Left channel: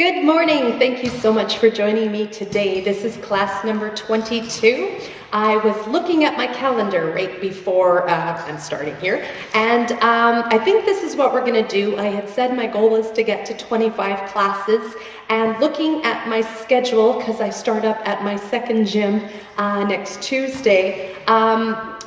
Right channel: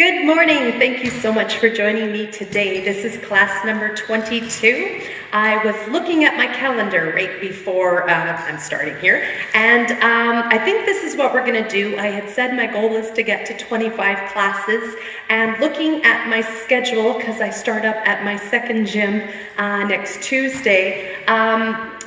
Good morning. Thank you so much for joining me today. This is class number 22. I was looking at my calendar right before I'm starting here, and I think this is what we're going to do. I had said my goal is to get to 25 classes, and looking at my schedule, because I start up at my second gym next Tuesday,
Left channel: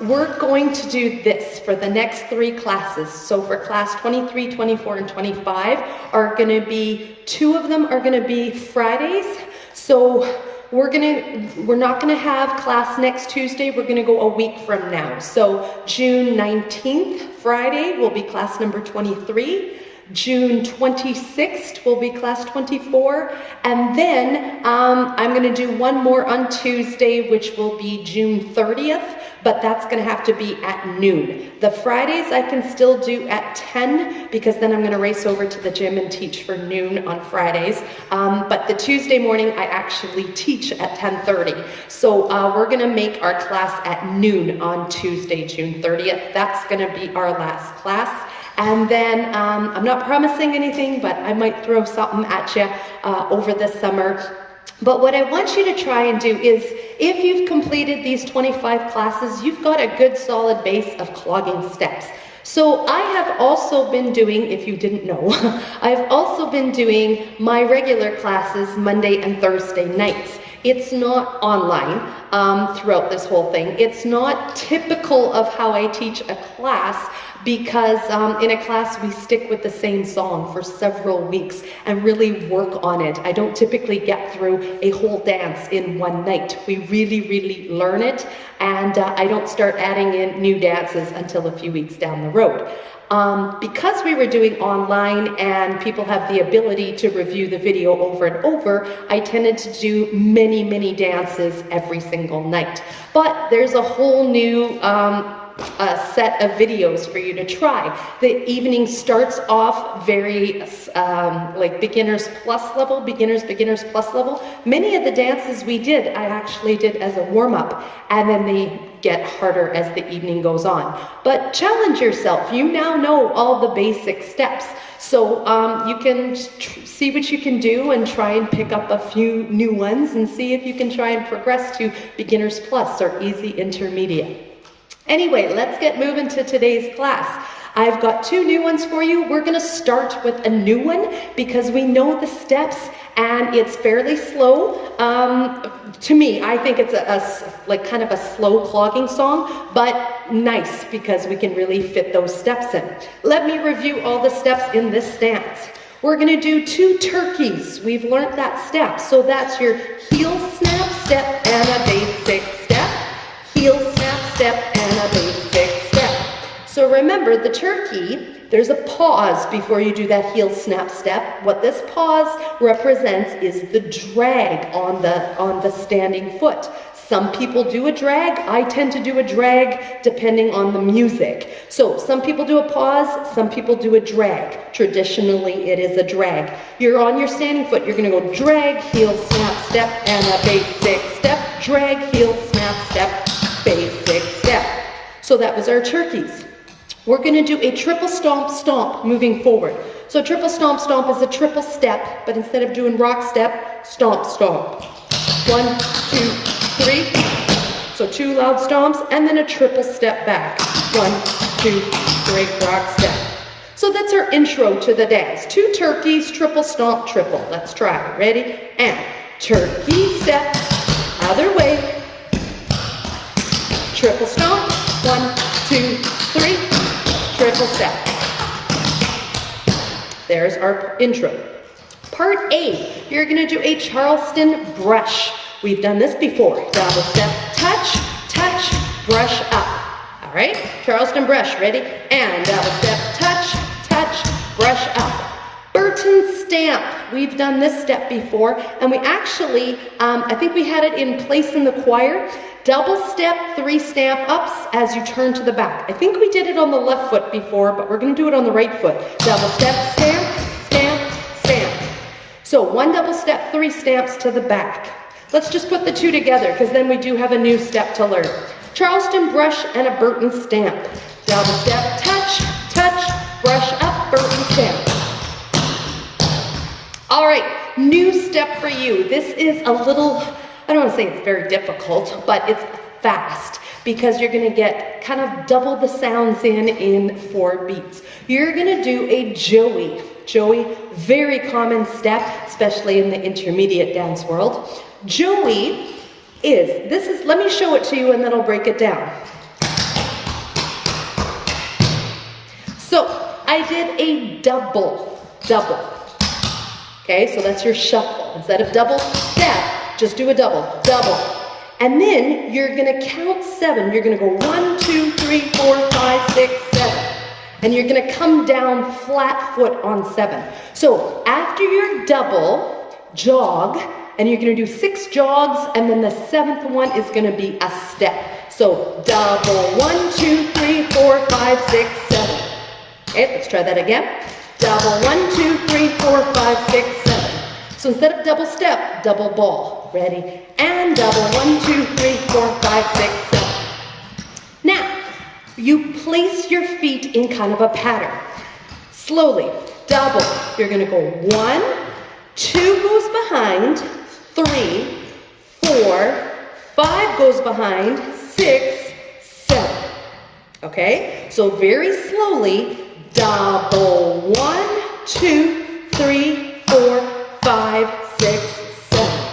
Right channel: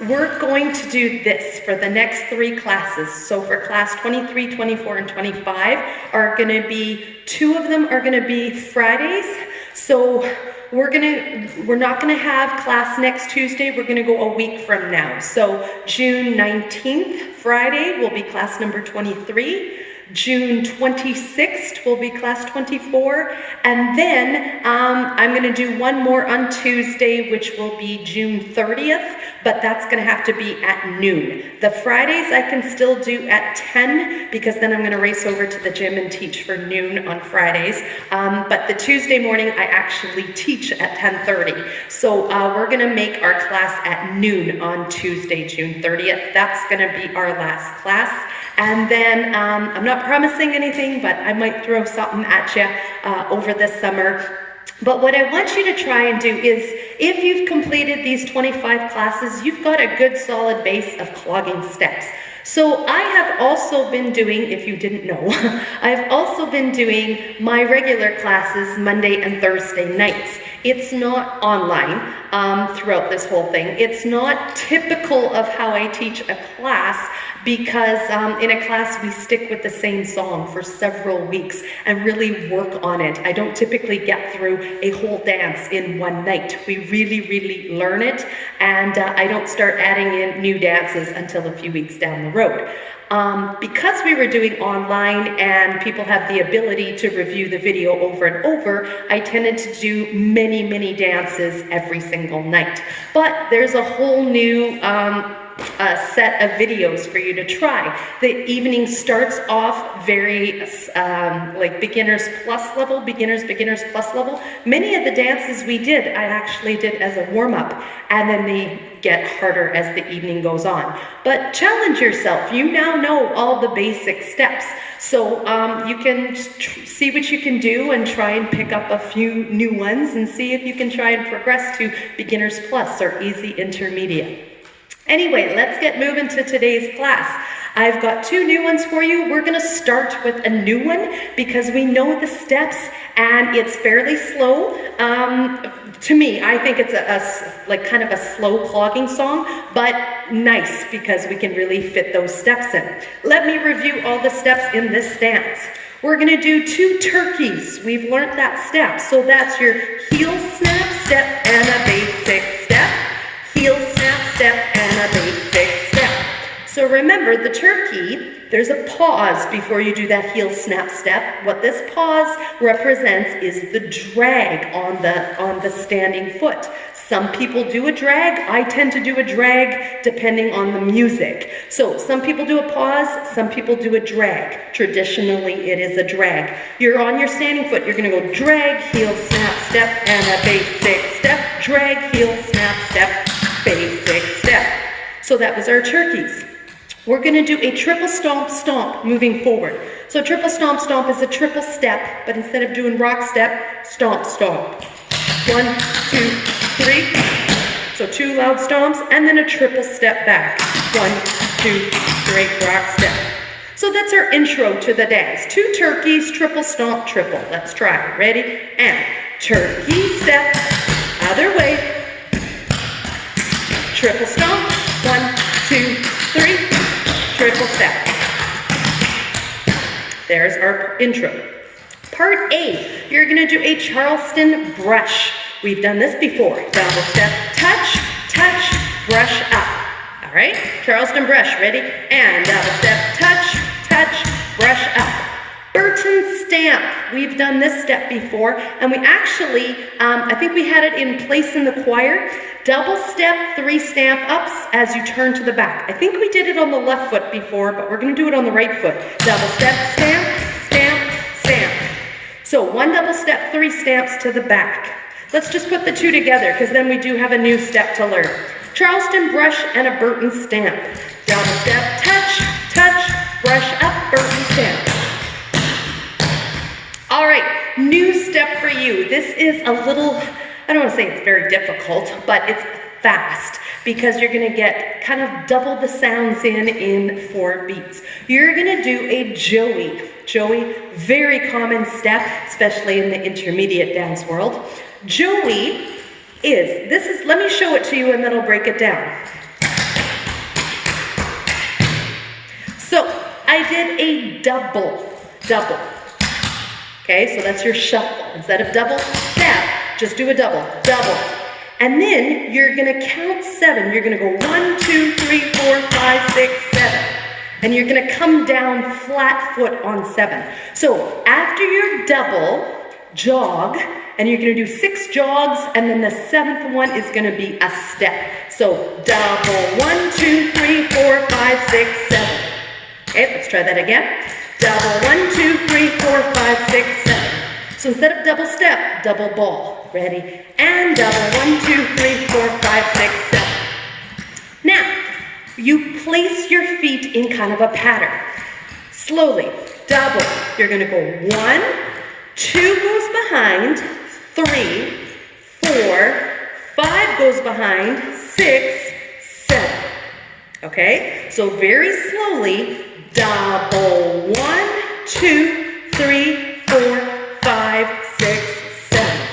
we're going to do this for the next 3 classes. So for class 23, 24, and 25 are going to be, 2 of them are going to be Fridays. So we're not going to have class next Tuesday. We're going to go a week from now. So June 19th, Friday, will be class number 23. June 26th will be class 24, and then I'm going to do one more on Tuesday, which will be June 30th, but that's going to have to be at noon. The Fridays I can still do at 10, because then I'm going to race over to the gym and teach for noon on Fridays, but the Tuesday morning I actually teach at 10:30. So we're going to make our class at noon on Tuesday, June 30th. That's going to be our last class. And then I'm not promising anything, but I might throw something at you over the summer. But what I want you to try and do is, if you've completed these 25 classes, you've got a good solid base of clogging steps. So I have also been doing, if you didn't know, I've also been doing my regular classes Monday and Thursday nights. It's not online throughout this whole thing. It's not typical of how I teach a class, because in a class we stick with the same song for several weeks and really work on it. I don't typically get through a whole dance in one night. We really learn it, and I don't start adding in new dances until a few weeks down the road. Because we were doing online and people have the ability to review the video over and over, I tended to do many dances every single night. But there's a whole new set of videos for you to try. The evening starts off very like beginners plus level, beginners plus level. Many of the dances we did, I actually did as a warm-up, and then they get harder as the evening goes on. But challenge yourself. You now know all the basic steps. So you can see what you can do and try and pick up a few new ones and see if you can try and progress to beginners plus or easy intermediate. Anyway, let's get moving to today's class. I've got 2 new ones for you. We're going to start with a new one because we know the steps and it's fairly slow. To me, I think it's like kind of a slow clogging song, but nice because we can really fit those steps in. Let me review all the steps in this stance. We're going to do 2 turkeys. We've learned that step. So that's your heel snap step and a basic step. Heel snap step and a basic step. So remember, the turkey, there's a pause before you do that heel snap step. What this pause represents is the drag on the standing foot. Some people do a drag. I tend to do a drag depending on the music. So some people do a pause, some people do a drag. Traditionally, it is a drag. You're on your standing foot. You're going to go drag, heel, snap, step, and a basic step. Drag, heel, snap, step, basic step. So that was our turkeys. We're going to do a triple stomp stomp moving forward. So triple stomp stomp is a triple step, but instead of doing rock step, stomp stomp. 1, 2, 3. So 2 loud stomps and then a triple step back. 1, 2, 3, rock step. So that's our intro to the dance. 2 turkeys, triple stomp, triple. Let's try. Ready? And turkey step, other way. Triple stomp. 1, 2, 3. Triple step. There's our intro. Part A, you're going to do a Charleston brush. We've done this before. Double step, touch, touch, brush up. All right? Charleston brush. Ready? And double step, touch, touch, brush up. Burton stamp. We've done this step before, and we actually, I think we had it in place in the choir. Double step, 3 stamp ups as you turn to the back. I think we did it on the left foot before, but we're going to do it on the right foot. Double step, stamp, stamp, stamp. So 1 double step, 3 stamps to the back. Let's just put the 2 together because then we do have a new step to learn. Charleston brush and a Burton stamp. Double step, touch, touch, brush up, Burton stamp. All right, for you. This is a little, I don't want to say it's very difficult, but it's fast because you're going to get kind of double the sounds in 4 beats. You're going to do a Joey. Joey, very common step, especially in the intermediate dance world. Joey is, let me show it to you and then I'll break it down. So I did a double. Okay, so that's your shuffle. Instead of double step, just do a double. And then you're gonna count 7. You're gonna go 1, 2, 3, 4, 5, 6, 7. And you're gonna come down flat foot on 7. So after your double, jog, and you're gonna do 6 jogs, and then the 7th one is gonna be a step. So double, 1, 2, 3, 4, 5, 6, 7. Okay, let's try that again. Double, 1, 2, 3, 4, 5, 6, 7. So instead of double step, double ball. Ready? And double, 1, 2, 3, 4, 5, 6, 7. Now, you place your feet in kind of a pattern. Slowly, double. You're gonna go 1, 2 goes behind, 3, 4, 5 goes behind, 6, 7. Okay? So very slowly, double, 1, 2, 3, 4, 5, 6, 7.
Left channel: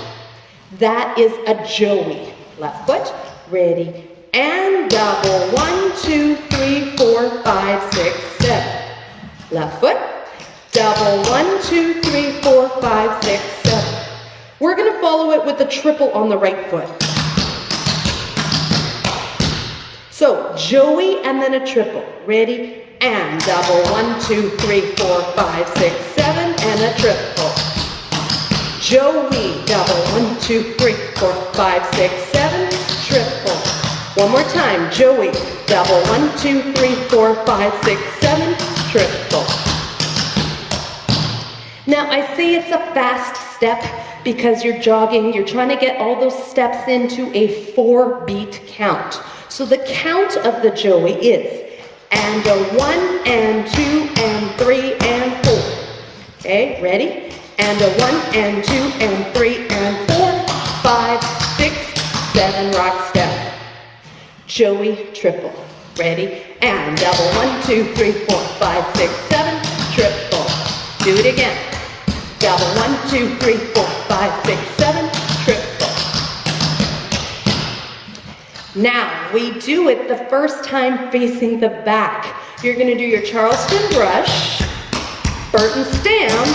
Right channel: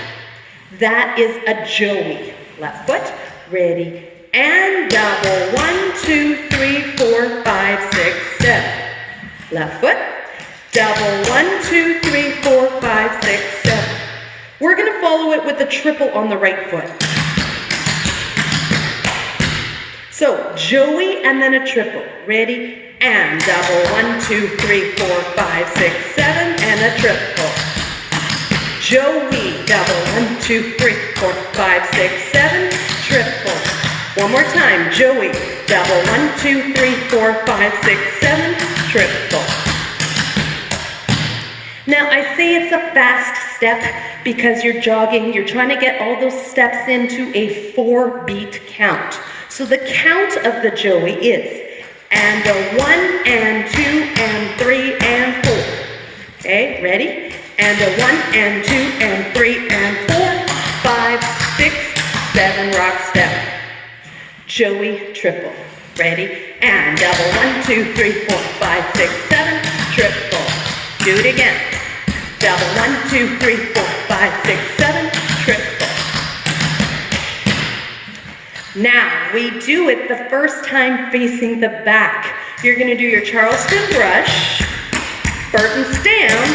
That is a Joey. Left foot, ready, and double, 1, 2, 3, 4, 5, 6, 7. Left foot, double, 1, 2, 3, 4, 5, 6, 7. We're gonna follow it with a triple on the right foot. So Joey and then a triple. Ready? And double, 1, 2, 3, 4, 5, 6, 7, and a triple. Joey, double, 1, 2, 3, 4, 5, 6, 7, triple. One more time, Joey, double, 1, 2, 3, 4, 5, 6, 7, triple. Now I say it's a fast step because you're jogging, you're trying to get all those steps into a 4-beat count. So the count of the Joey is, and a 1, and 2, and 3, and 4. Okay, ready? And a 1, and 2, and 3, and 4, 5, 6, 7, rock step. Joey, triple. Ready? And double, 1, 2, 3, 4, 5, 6, 7, triple. Do it again. Double, 1, 2, 3, 4, 5, 6, 7, triple. Now, we do it the first time facing the back. You're gonna do your Charleston brush, Burton's down,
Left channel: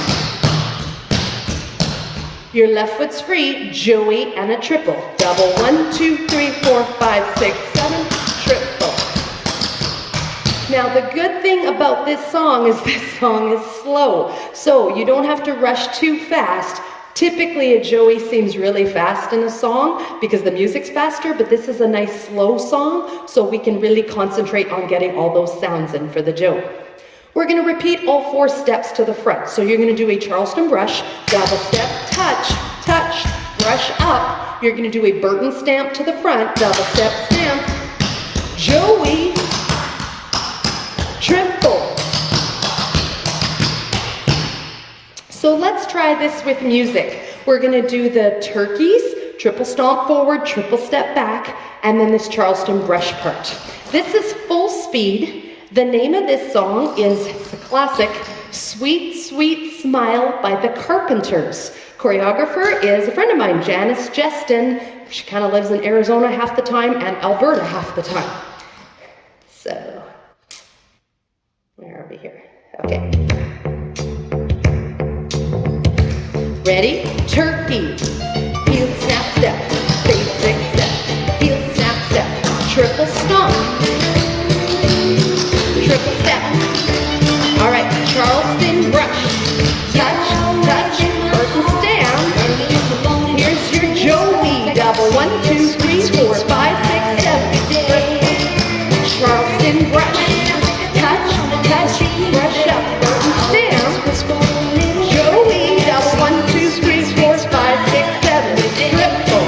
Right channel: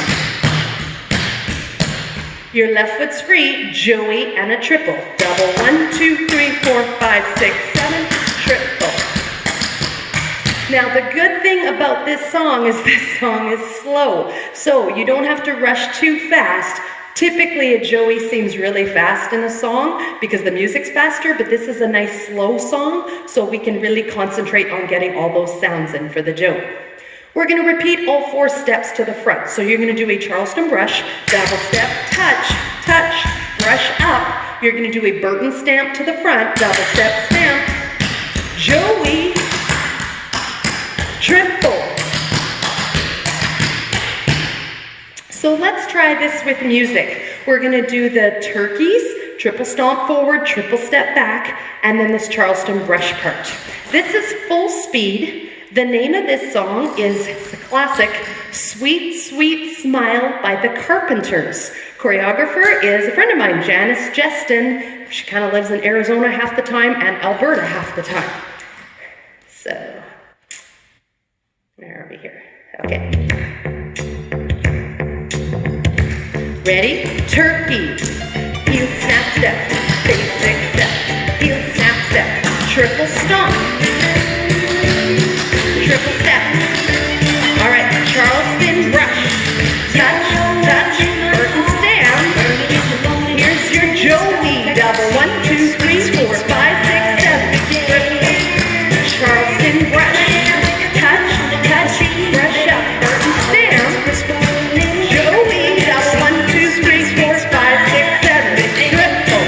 your left foot's free, Joey and a triple. Double, 1, 2, 3, 4, 5, 6, 7, triple. Now the good thing about this song is slow. So you don't have to rush too fast. Typically a Joey seems really fast in a song because the music's faster, but this is a nice slow song, so we can really concentrate on getting all those sounds in for the Joey. We're gonna repeat all 4 steps to the front. So you're gonna do a Charleston brush, double step, touch, touch, brush up. You're gonna do a Burton stamp to the front, double step, stamp, Joey, triple. So let's try this with music. We're gonna do the turkeys, triple stomp forward, triple step back, and then this Charleston brush part. This is full speed. The name of this song is the classic Sweet, Sweet Smile by the Carpenters. Choreographer is a friend of mine, Janice Justin. She kind of lives in Arizona half the time and Alberta half the time. So, where are we here? Okay. Ready? Turkey, heel, snap, step, basic step, heel, snap, step, triple stomp, triple step. All right, Charleston brush, touch, touch, Burton's down. Here's your Joey, double, 1, 2, 3, 4, 5, 6, 7. Charleston brush, touch, touch, brush up, Burton's down. Joey, double, 1, 2, 3, 4, 5, 6, 7. Triple.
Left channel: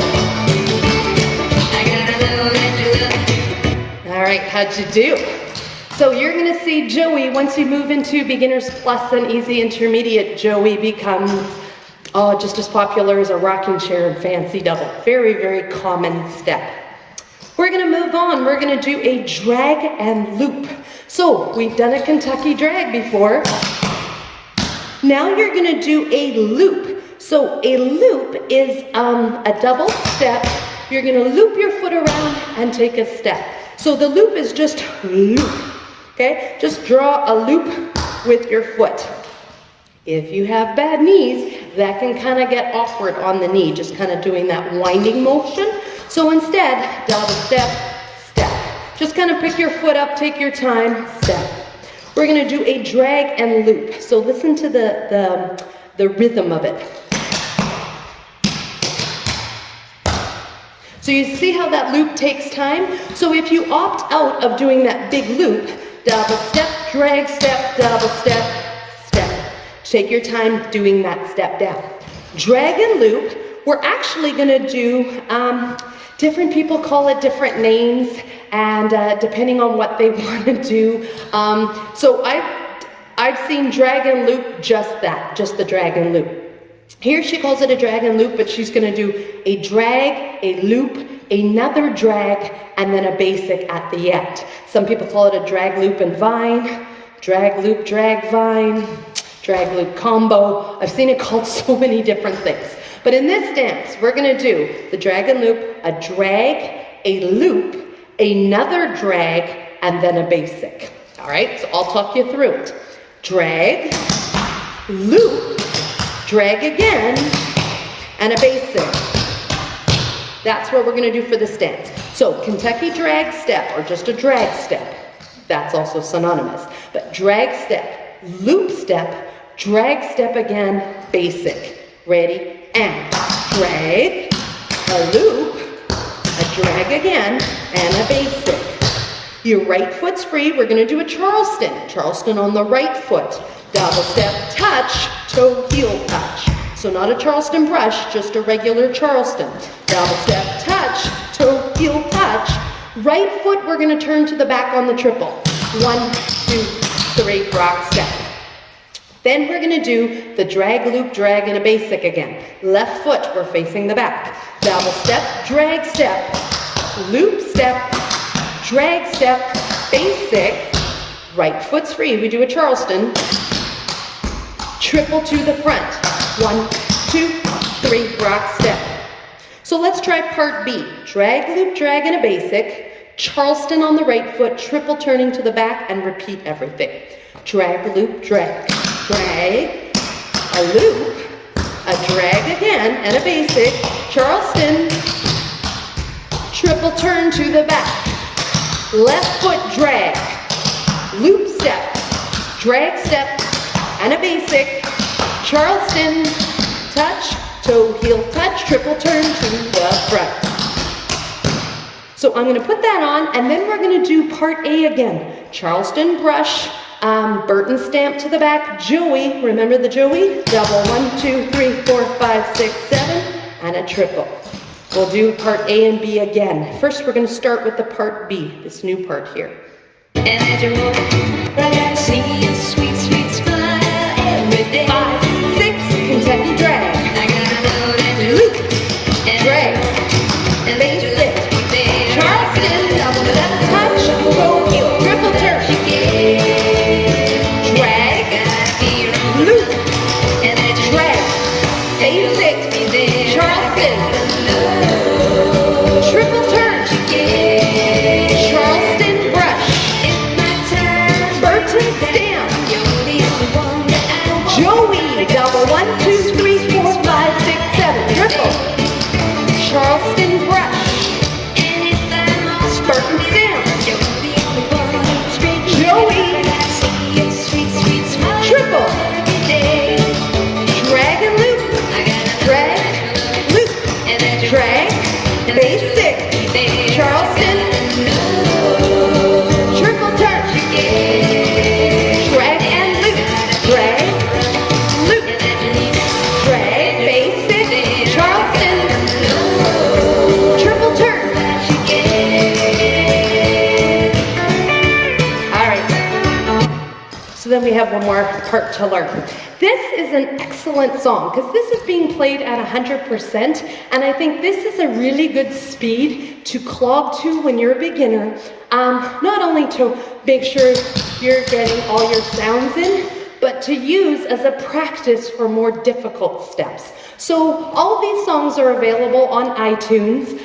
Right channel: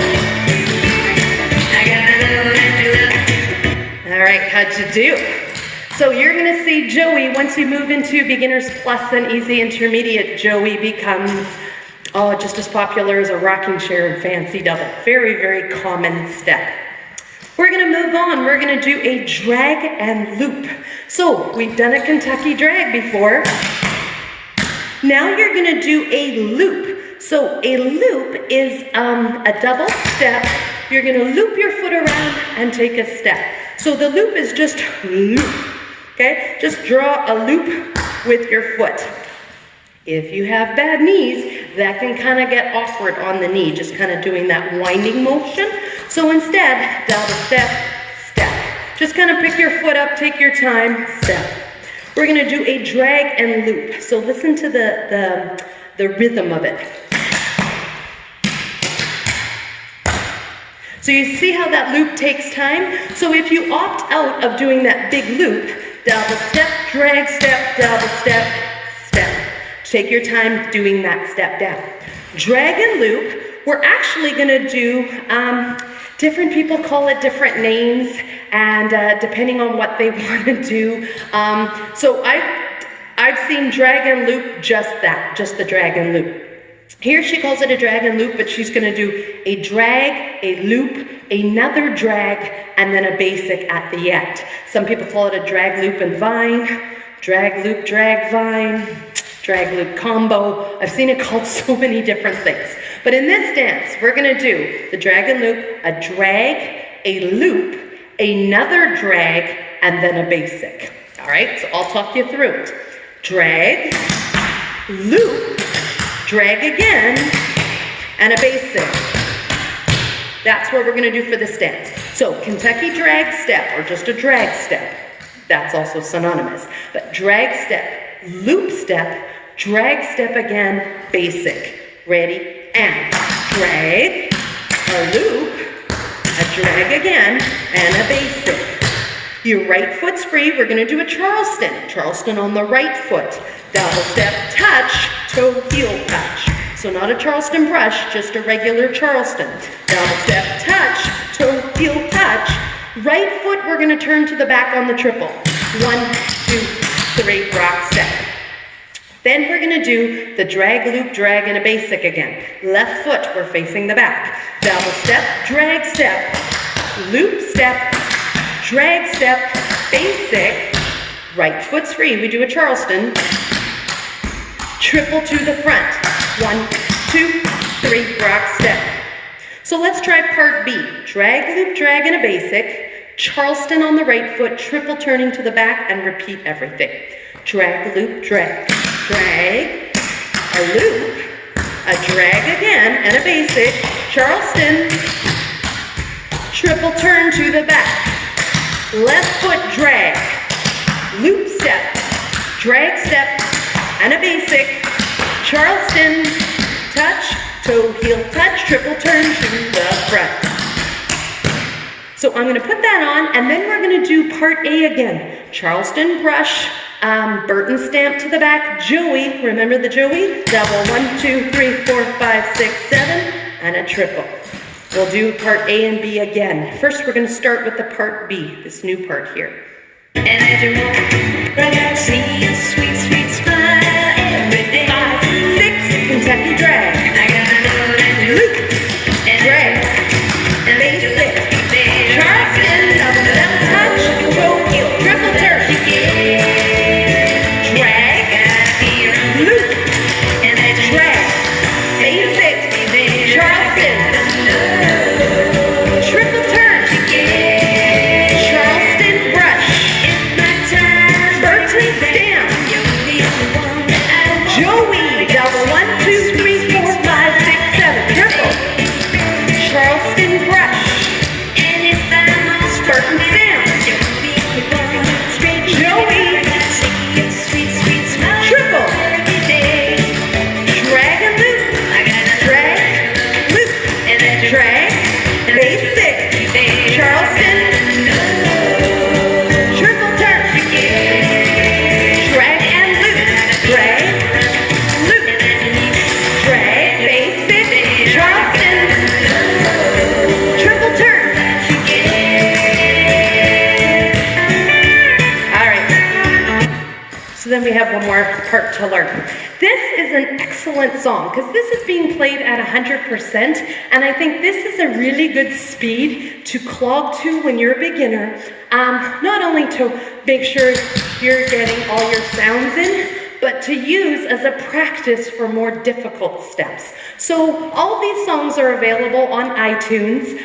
All right, how'd you do? So you're gonna see Joey, once you move into beginners plus and easy intermediate, Joey becomes Oh, just as popular as a rocking chair and fancy double. Very, very common step. We're gonna move on. We're gonna do a drag and loop. So we've done a Kentucky drag before. Now you're gonna do a loop. So a loop is a double step. You're gonna loop your foot around and take a step. So the loop is just loop, okay? Just draw a loop with your foot. If you have bad knees, that can kind of get awkward on the knee, just kind of doing that winding motion. So instead, double step, step. Just kind of pick your foot up, take your time, step. We're gonna do a drag and loop. So listen to the rhythm of it. So you see how that loop takes time? So if you opt out of doing that big loop, double step, drag step, double step, step. Take your time doing that step down. Drag and loop, we're actually gonna do, different people call it different names, and depending on what they wanna do. So I've seen drag and loop just that, just the drag and loop. Here she calls it a drag and loop, but she's gonna do a drag, a loop, another drag, and then a basic at the end. Some people call it a drag, loop, and vine, drag, loop, drag, vine, drag, loop, combo. I've seen it called so many different things. But in this dance, we're gonna do the drag and loop, a drag, a loop, another drag, and then a basic. All right, so I'll talk you through it. Drag, loop, drag again, and a basic. That's what we're gonna do for this dance. So Kentucky drag step, or just a drag step, that's also synonymous. But drag step, loop step, drag step again, basic. Ready? And drag, a loop, a drag again, and a basic. Your right foot's free. We're gonna do a Charleston. Charleston on the right foot. Double step, touch, toe, heel, touch. So not a Charleston brush, just a regular Charleston. Double step, touch, toe, heel, touch. Right foot, we're gonna turn to the back on the triple. 1, 2, 3, rock step. Then we're gonna do the drag, loop, drag, and a basic again. Left foot, we're facing the back. Double step, drag step, loop step, drag step, basic. Right foot's free, we do a Charleston. Triple to the front. 1, 2, 3, rock step. So let's try part B. Drag, loop, drag, and a basic. Charleston on the right foot, triple turning to the back, and repeat everything. Drag, loop, drag. Drag, a loop, a drag again, and a basic. Charleston, triple turn to the back. Left foot drag, loop step, drag step, and a basic. Charleston, touch, toe, heel, touch, triple turn to the front. So I'm gonna put that on, and then we're gonna do part A again. Charleston brush, Burton stamp to the back, Joey, remember the Joey? Double, 1, 2, 3, 4, 5, 6, 7, and a triple. We'll do part A and B again. First, we're gonna start with the part B, this new part here. And as you walk, I got to see a sweet, sweet smile every day. 5, 6, Kentucky drag. I gotta know that you Loop, and drag, and that you basic. let me there. Charleston, double step, touch, toe, heel, triple turn. Drag, loop, And that you drag, basic. let me there. Charleston, triple turn. Charleston brush, It's my time. Burton stamp, You're the only one that I want. Joey, double, 1, 2, 3, 4, 5, 6, 7, triple. Charleston brush, And if I'm lost, Burton stamp, you're the only one. Straight Joey, I gotta see a sweet, sweet smile triple. every day. drag and loop, I gotta drag, loop, and that you drag, basic. Charleston, triple turn. Drag and loop, drag, loop, drag, basic. Charleston, triple turn. have one more part to learn. This is an excellent song because this is being played at 100%, and I think this is a really good speed to clog to when you're a beginner. Not only to make sure you're getting all your sounds in, but to use as a practice for more difficult steps. So all these songs are available on iTunes,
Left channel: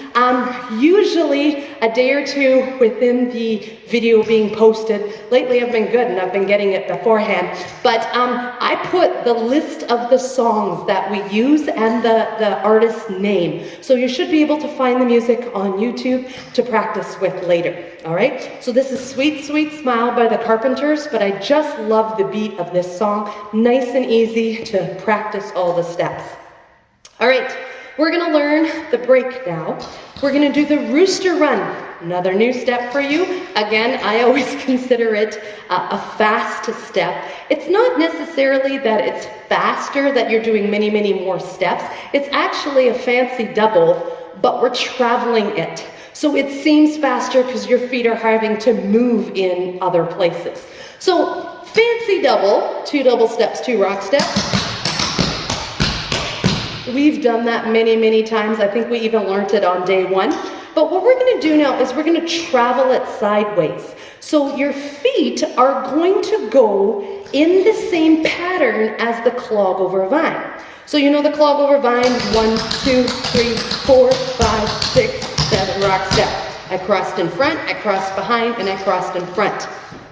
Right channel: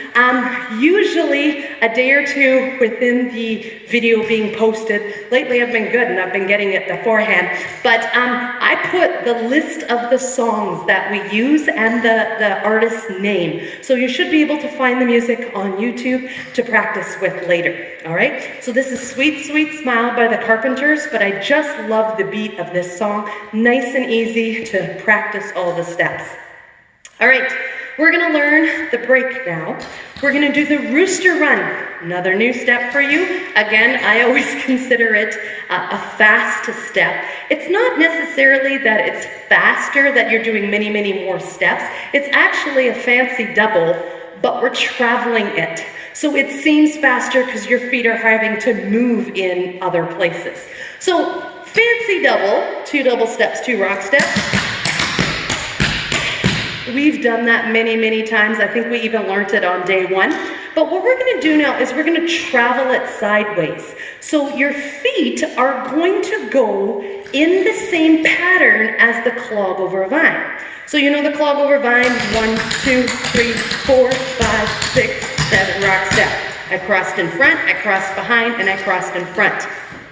usually a day or two within the video being posted. Lately I've been good and I've been getting it beforehand, but I put the list of the songs that we use and the artist's name. So you should be able to find the music on YouTube to practice with later, all right? So this is Sweet, Sweet Smile by the Carpenters, but I just love the beat of this song. Nice and easy to practice all the steps. All right, we're gonna learn the break now. We're gonna do the rooster run, another new step for you. Again, I always consider it a fast step. It's not necessarily that it's faster, that you're doing many, many more steps. It's actually a fancy double, but we're traveling it. So it seems faster because your feet are having to move in other places. So fancy double, 2 double steps, 2 rock steps. We've done that many, many times. I think we even learned it on day 1. But what we're going to do now is we're going to travel it sideways. So your feet are going to go in the same pattern as the clog over vine. So you know the clog over vine, 1, 2, 3, 4, 5, 6, 7, rock step. I crossed in front, I crossed behind, and I crossed in front.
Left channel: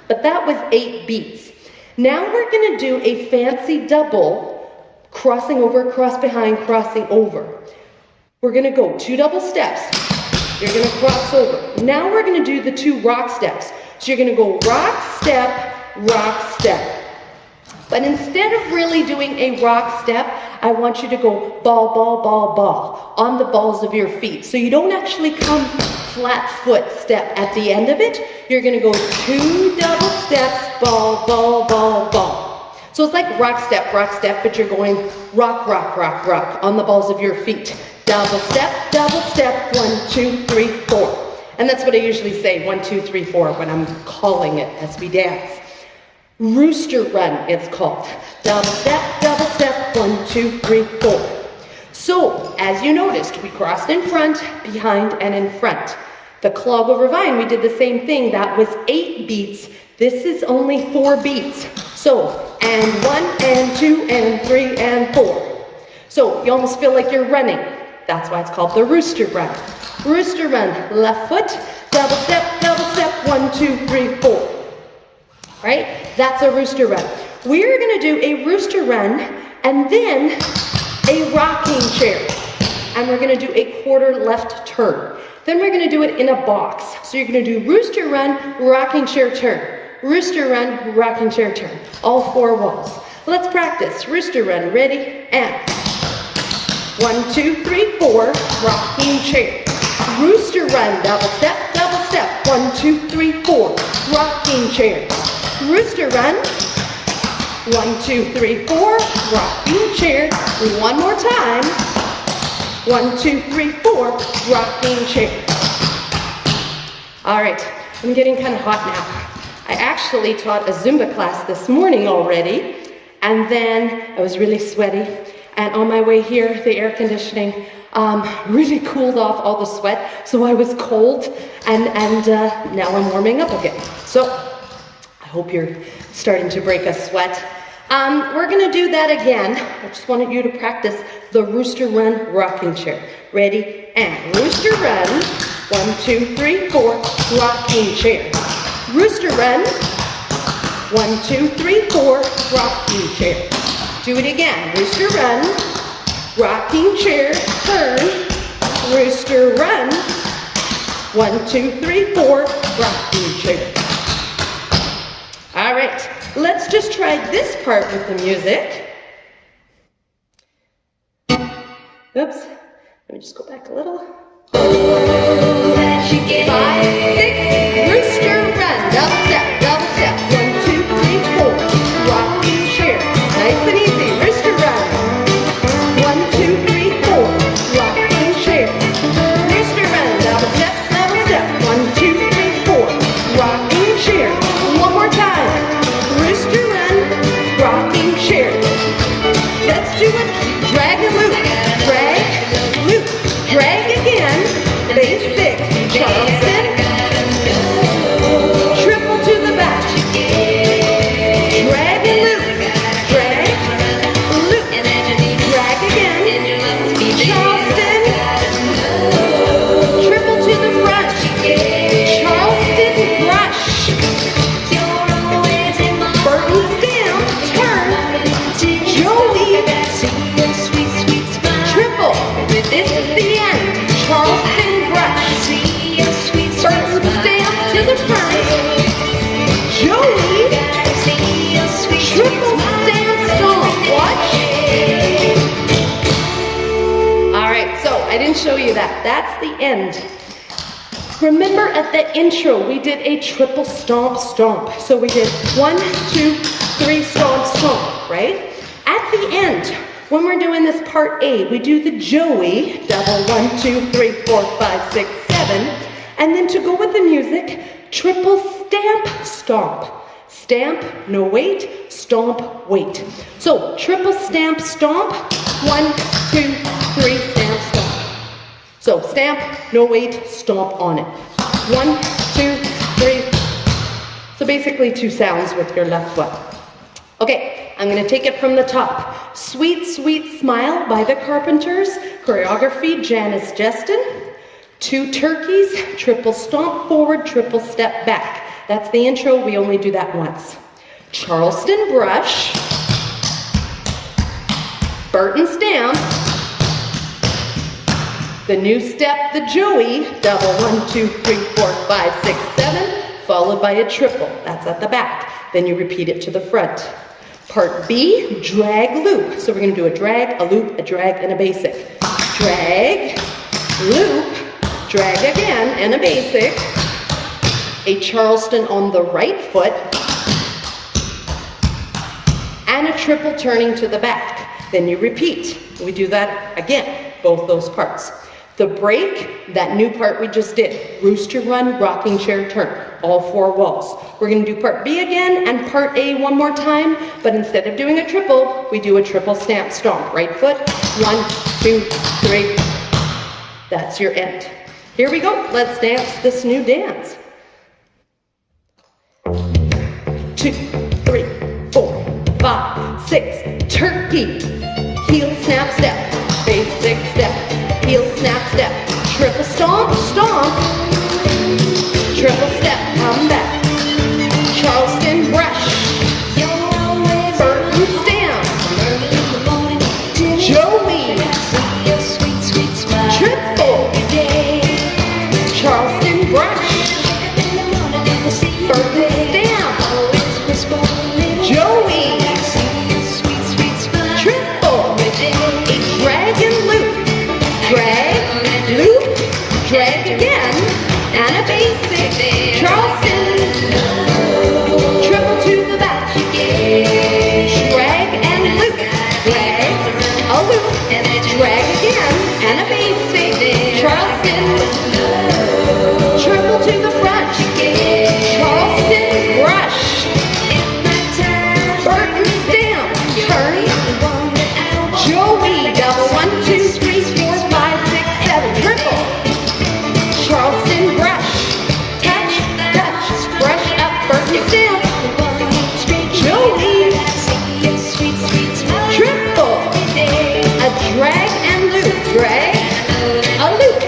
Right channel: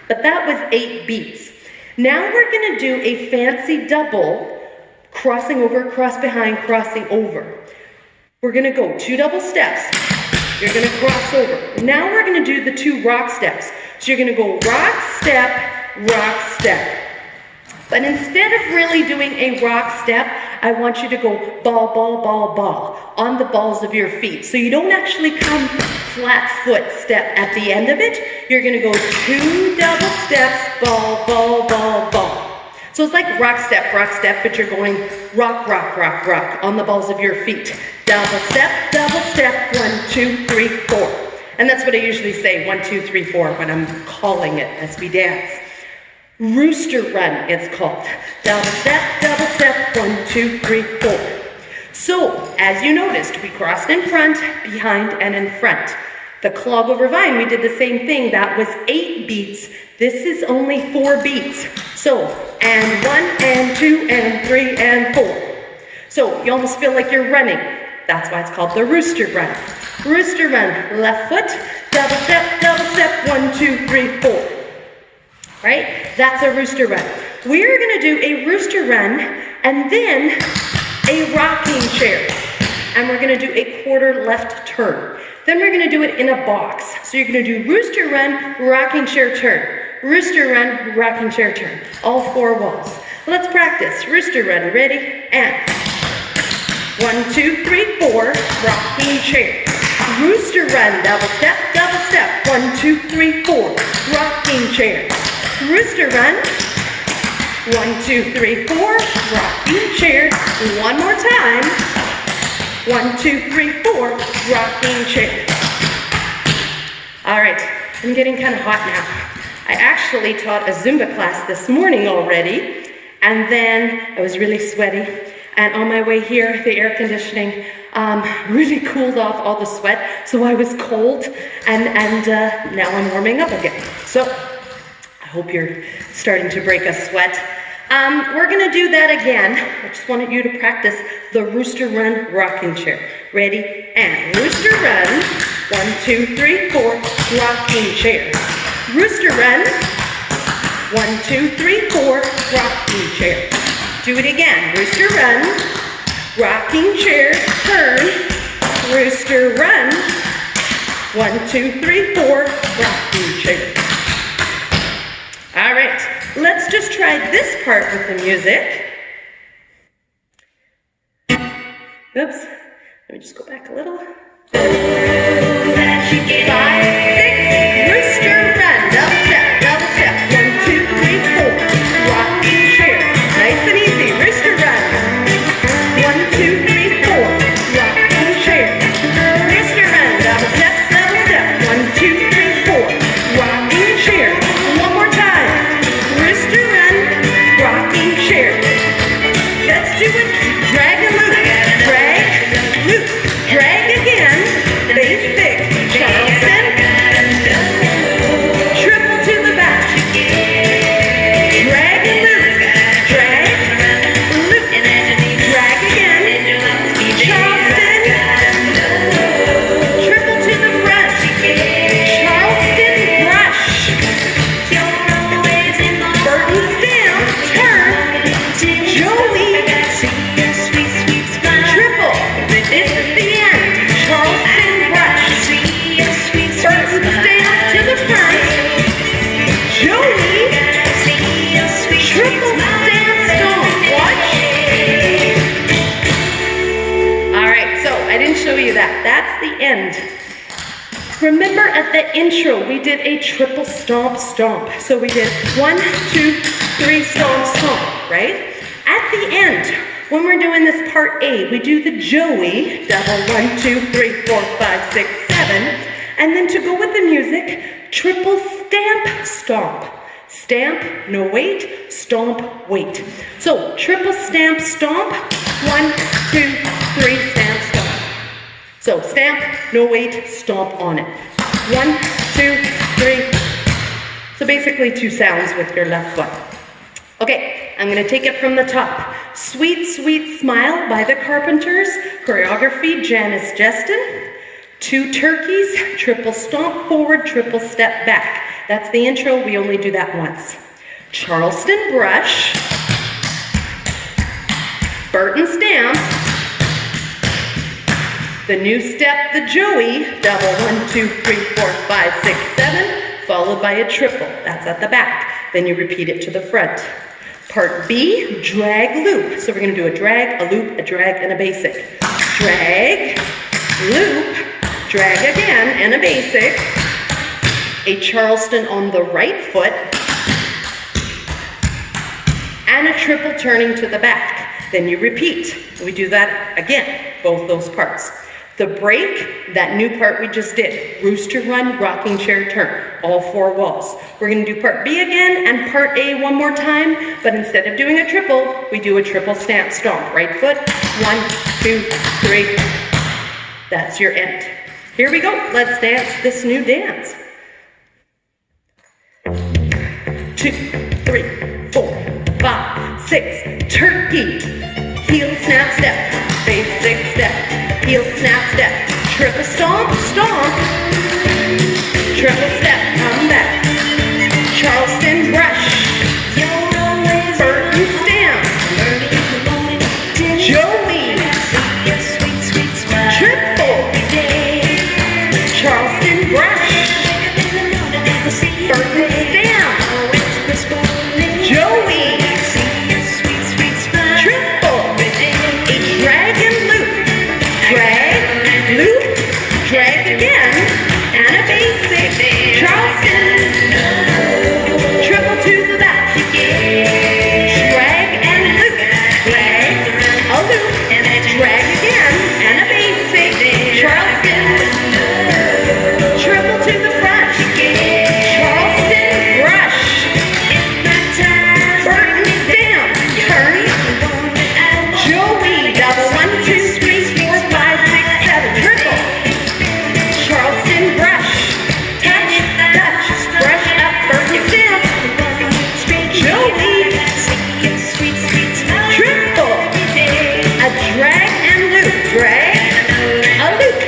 But that was 8 beats. Now we're going to do a fancy double, crossing over, cross behind, crossing over. We're gonna go 2 double steps. You're gonna cross over. Now we're gonna do the 2 rock steps. So you're gonna go rock, step, rock, step. But instead of really doing a rock step, I want you to go ball, ball, ball, ball on the balls of your feet. So you don't actually come flat foot step at the end of it. You're gonna go 2 double steps, ball, ball, ball, ball. So it's like rock step, but you're going rock, rock, rock, rock on the balls of your feet. Double step, 1, 2, 3, 4. And that's what I usually say, 1, 2, 3, 4 when I'm calling it as we dance. Rooster run, it's called. Double step, 1, 2, 3, 4. So as you noticed, we crossed in front, behind, and in front. The clog over vine, we did the same thing. That was 8 beats. This is only 4 beats. So, and 1, and 2, and 3, and 4. So you almost feel like you're running. That's why it's called the rooster run. Rooster run, left foot, double step, 1, 2, 3, 4. Right? That's a rooster run. We're gonna do a rooster run and then a rocking chair. And we're gonna do a quarter left turn. Then we're gonna do it in a box. So you're gonna do rooster run, rocking chair turn. Rooster run, rocking chair turn. All 4 walls. Let's practice. Rooster run, ready, and 1, 2, 3, 4, rocking chair. Rooster run, double step, 1, 2, 3, 4, rocking chair. Rooster run, 1, 2, 3, 4, rocking chair. One more time. 1, 2, 3, 4, rocking chair. All right, I'm getting kind of hot now. I actually taught a Zumba class this morning already, and then I was really sweaty. And on my way here, the air conditioning really cooled off all the sweat, so I was cold, and now I'm warming up again. So I hope you're starting to break a sweat. We're gonna do that again. I just wanted you to practice the rooster run rocking chair. Ready, and rooster run, 1, 2, 3, 4, rocking chair. Rooster run, 1, 2, 3, 4, rocking chair. Do it again. Rooster run, rocking chair, turn. Rooster run, 1, 2, 3, 4, rocking chair. All right, let's just try this part with the music. Oops, let me just go back a little. Oh, that you get. 5, 6, rooster run, double step, 1, 2, 3, 4, rocking chair. Nice and easy, rooster run. 1, 2, 3, 4, rocking chair. Rooster run, double step, 1, 2, 3, 4, rocking chair. One more time. Rooster run, triple stamp stomp. Watch. All right, so I didn't show you that. That's the end. Remember at the intro, we did a triple stomp stomp. So we did 1, 2, 3 stomp stomp, right? At the end, when we're doing this part A, we do the Joey, double 1, 2, 3, 4, 5, 6, 7. And then to go with the music, triple stamp stomp. Stamp, no wait, stomp, wait. So triple stamp stomp, 1, 2, 3, stamp stomp. So stamp, no wait, stomp on it. 1, 2, 3. So basically 2 sounds with your left foot. Okay, I'm gonna take it from the top. Sweet, Sweet Smile by the Carpenters. Choreography, Janice Justin. 2 turkeys, triple stomp forward, triple step back. That's the intro, we only do that once. Charleston Brush. Burton Stamp. The new step, the Joey, double 1, 2, 3, 4, 5, 6, 7, followed by a triple. That's at the back. Then you repeat it to the front. Part B, drag loop. So we're gonna do a drag, a loop, a drag, and a basic. Drag, loop, drag again, and a basic. A Charleston on the right foot. And a triple turning to the back. Then you repeat. We do that again, both those parts. The break, that new part we just did. Rooster run, rocking chair turn, all 4 walls. We're gonna do part B again and part A one more time, but instead of doing a triple, we do a triple stamp stomp. Right foot, 1, 2, 3. That's your end. Here we go, let's dance this new dance. 2, 3, 4, 5, 6, turkey. Heel, snap, step, basic step, heel, snap, step, triple stomp, stomp, triple step, come back, Charleston brush, Burton stamp, Joey, triple, Charleston brush, Burton stamp, Joey, drag again, and a basic, Charleston, triple to the back, drag and loop, drag, a loop, drag again, and a basic, Charleston, triple to the front, Charleston brush, Burton stamp, turn, Joey, double 1, 2, 3, 4, 5, 6, 7, triple. Charleston brush, touch, touch, brush up, Burton stamp, Joey, triple, a drag and loop, drag, a loop,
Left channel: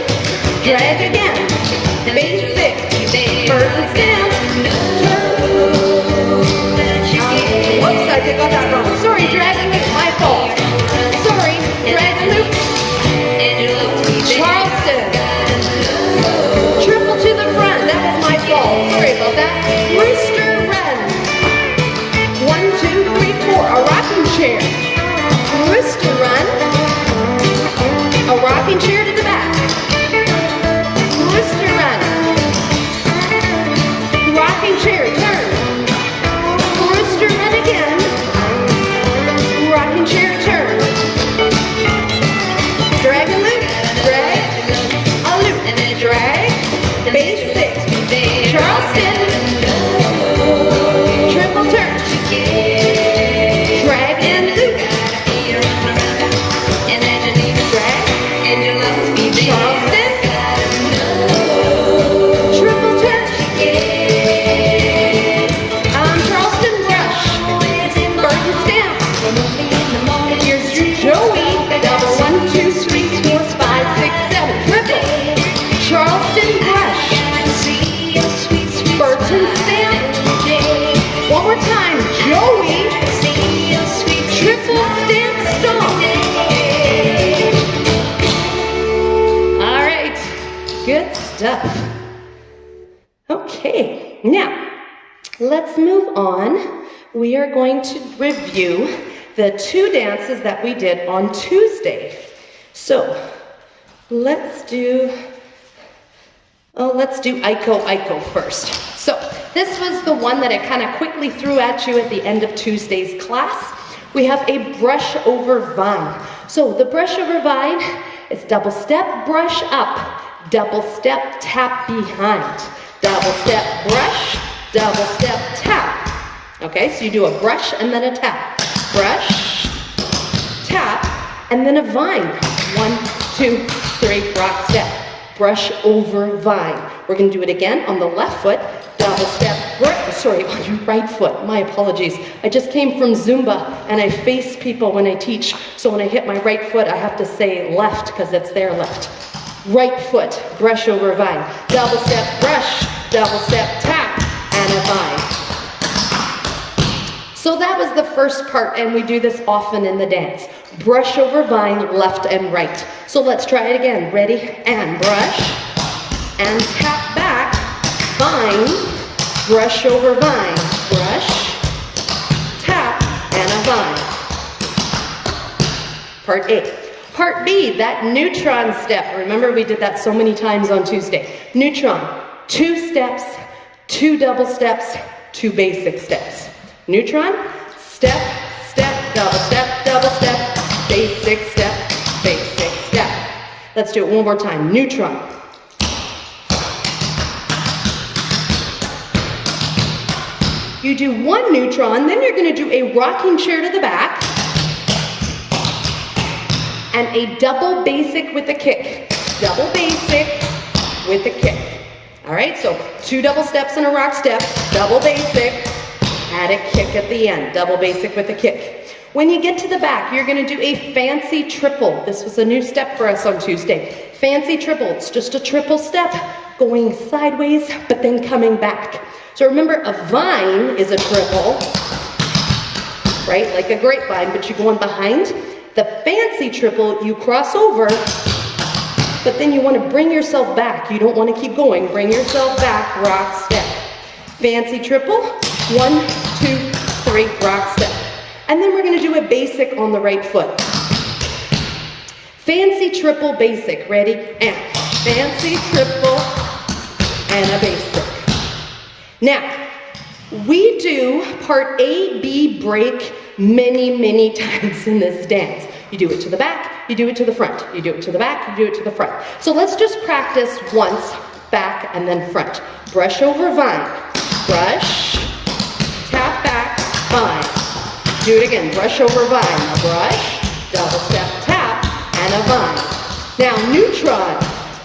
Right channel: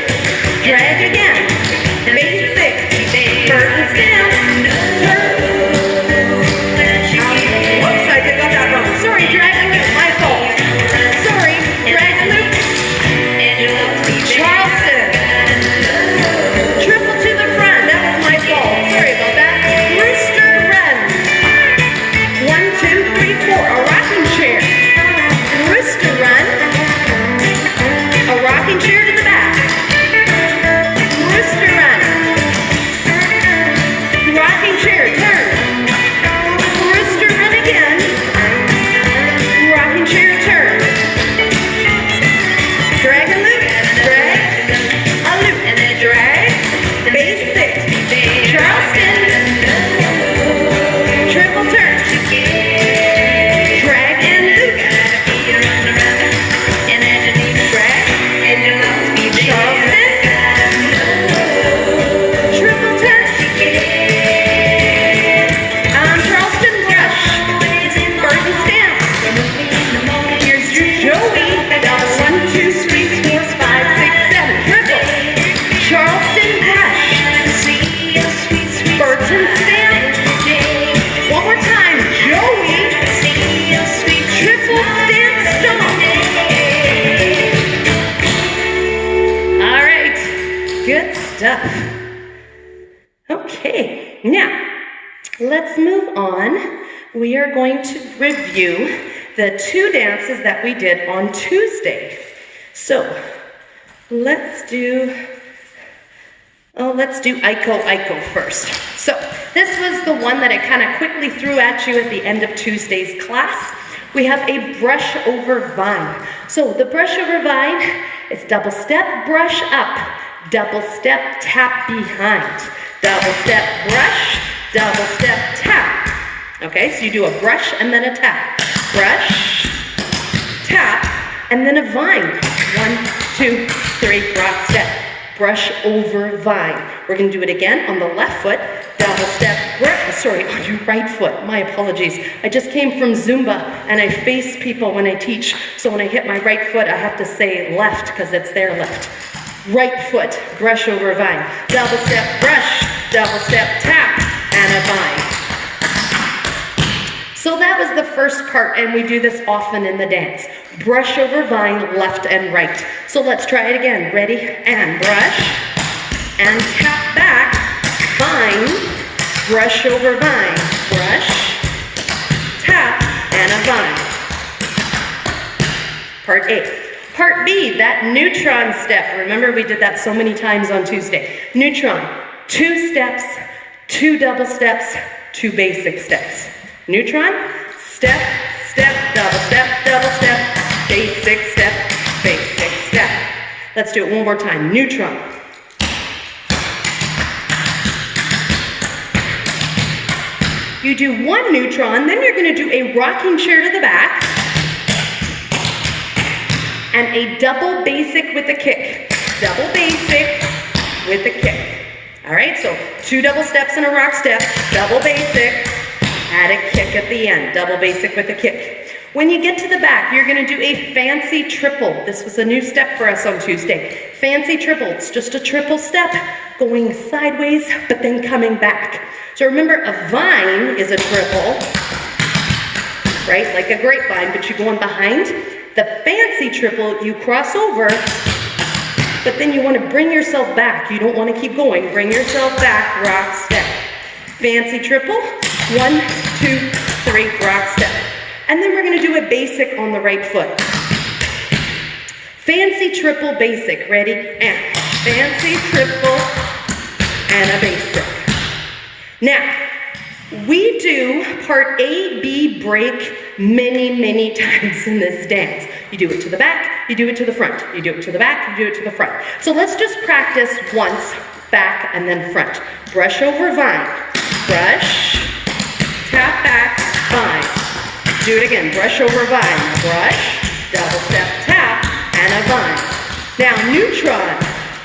drag again, basic, Burton stamp, turn, whoops, I got that wrong, sorry, drag and loop, my fault, sorry, drag and loop, Charleston, triple to the front, that was my fault. Sorry about that. Rooster run. 1, 2, 3, 4, a rocking chair. Rooster run. A rocking chair to the back. Rooster run. Rocking chair, turn. Rooster run again. Rocking chair, turn. Drag and loop, drag, a loop, drag. Basic, Charleston, triple turn, drag and loop, drag, Charleston, triple turn, Charleston brush, Burton stamp, here's Joey, double 1, 2, 3, 4, 5, 6, 7, triple, Charleston brush, Burton stamp, one more time, Joey, triple stamp stomp. All right, good stuff. Okay, now let's move on we are going to review the 2 dances that we did on Tuesday. So let's do Iko first. So this was the one that I kind of quickly threw at you at the end of Tuesday's class. We have a brush over vine. So the brush over vine is double step, brush up, double step, tap behind, double step, brush, double step, tap. Okay, so you do a brush and then a tap. Brush, tap, and then a vine. 1, 2, 3, rock step. Brush over vine. We're going to do it again on the left foot. Double step, on your right foot. My apologies. I just came from Zumba and I face people when I teach. So when I hit my right foot, I have to say left because it's their left. Right foot, brush over vine. Double step, brush, double step, tap, and a vine. So that was the first part, and we do this often in the dance. Brush over vine, left and right. So let's try it again. Ready? And brush, and tap back, vine, brush over vine, brush, tap, and a vine. Part A. Part B, that neutron step. Remember, we did that so many times on Tuesday. Neutron, 2 steps, 2 double steps, 2 basic steps. Neutron, step, step, double step, basic step, basic step. Let's do it one more time. Neutron. You do 1 neutron, then you're going to do a rocking chair to the back and a double basic with a kick. Double basic with a kick. All right, so 2 double steps and a rock step, double basic, add a kick at the end, double basic with a kick. When you get to the back, you're going to do a fancy triple. This was a new step for us on Tuesday. Fancy triple, it's just a triple step, going sideways, but then coming back. So remember, a vine is a triple, right? Like a grapevine, but you go on behind. The fancy triple, you cross over, but then you want to bring yourself back. You don't want to keep going. Bring yourself back, rock step. Fancy triple, 1, 2, 3, rock step. And then we're going to do a basic on the right foot. Fancy triple basic. Ready? And fancy triple and a basic. Now, we do part A, B break many times in this dance. You do it to the back, you do it to the front. You do it to the back, you do it to the front. So let's just practice once, back and then front. Brush over vine. Brush, tap back, vine. Do it again, brush over vine. Brush, double step, tap, and a vine. Now neutron,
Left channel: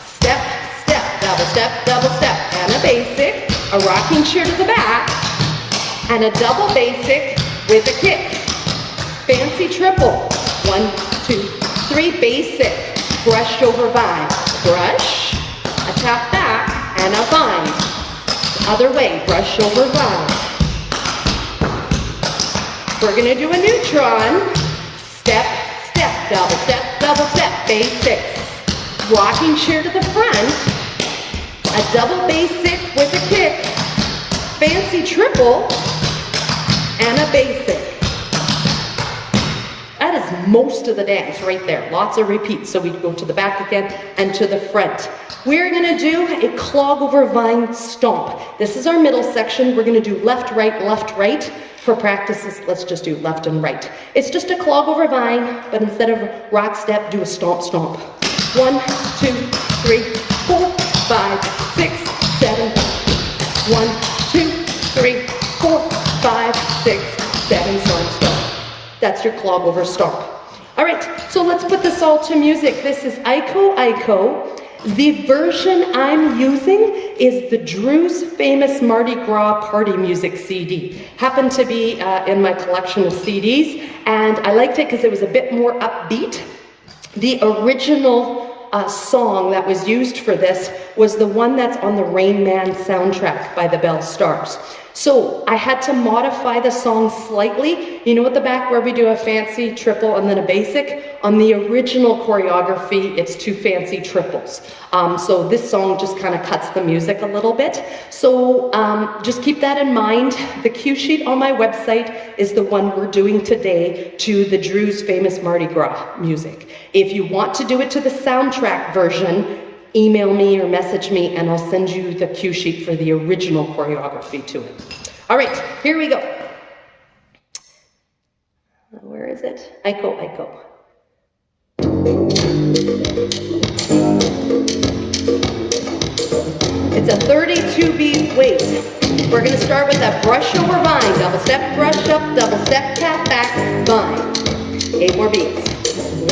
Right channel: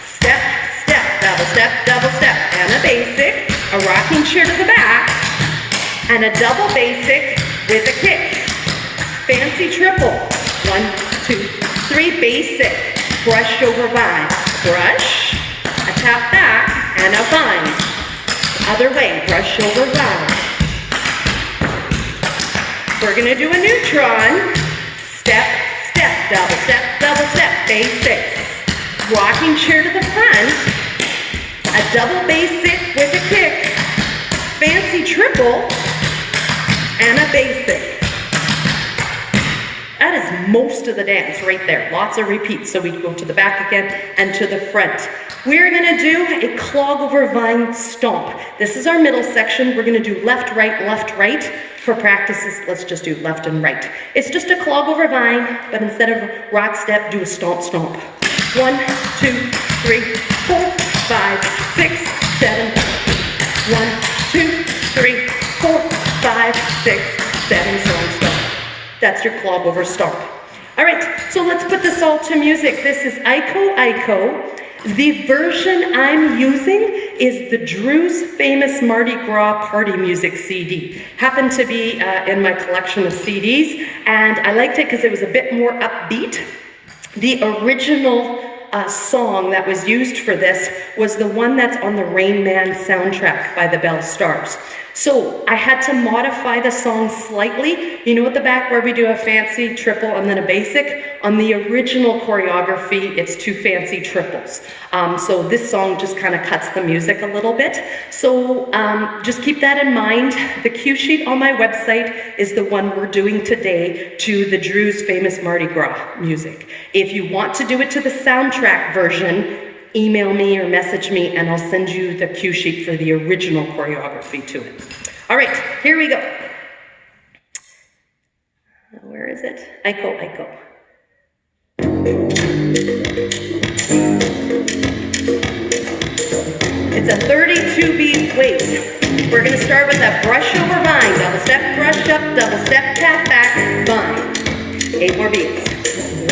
step, step, double step, and a basic, a rocking chair to the back, and a double basic with a kick. Fancy triple, 1, 2, 3, basic, brush over vine. Brush, a tap back, and a vine. Other way, brush over vine. We're going to do a neutron. Step, step, double step, basics. Rocking chair to the front. A double basic with a kick. Fancy triple. And a basic. That is most of the dance right there. Lots of repeats. So we go to the back again and to the front. We're going to do a clog over vine stomp. This is our middle section. We're going to do left, right. For practices, let's just do left and right. It's just a clog over vine, but instead of rock step, do a stomp, stomp. 1, 2, 3, 4, 5, 6, 7. 1, 2, 3, 4, 5, 6, 7, stomp, stomp. That's your clog over stomp. All right, so let's put this all to music. This is Iko. The version I'm using is the Drew's Famous Mardi Gras Party Music CD. Happened to be in my collection of CDs, and I liked it because it was a bit more upbeat. The original song that was used for this was the one that's on the Rain Man soundtrack by the Bell Stars. So I had to modify the song slightly. You know, at the back where we do a fancy triple and then a basic, on the original choreography, it's 2 fancy triples. So this song just kind of cuts the music a little bit. So just keep that in mind. The cue sheet on my website is the one we're doing today to the Drew's famous Mardi Gras music. If you want to do it to the soundtrack version, email me or message me and I'll send you the cue sheet for the original choreography to it. All right, here we go. Where is it? Aiko, Aiko. It's a 32 beat weight. We're gonna start with that brush over vine, double step, brush up, double step, tap back, vine. 8 more beats.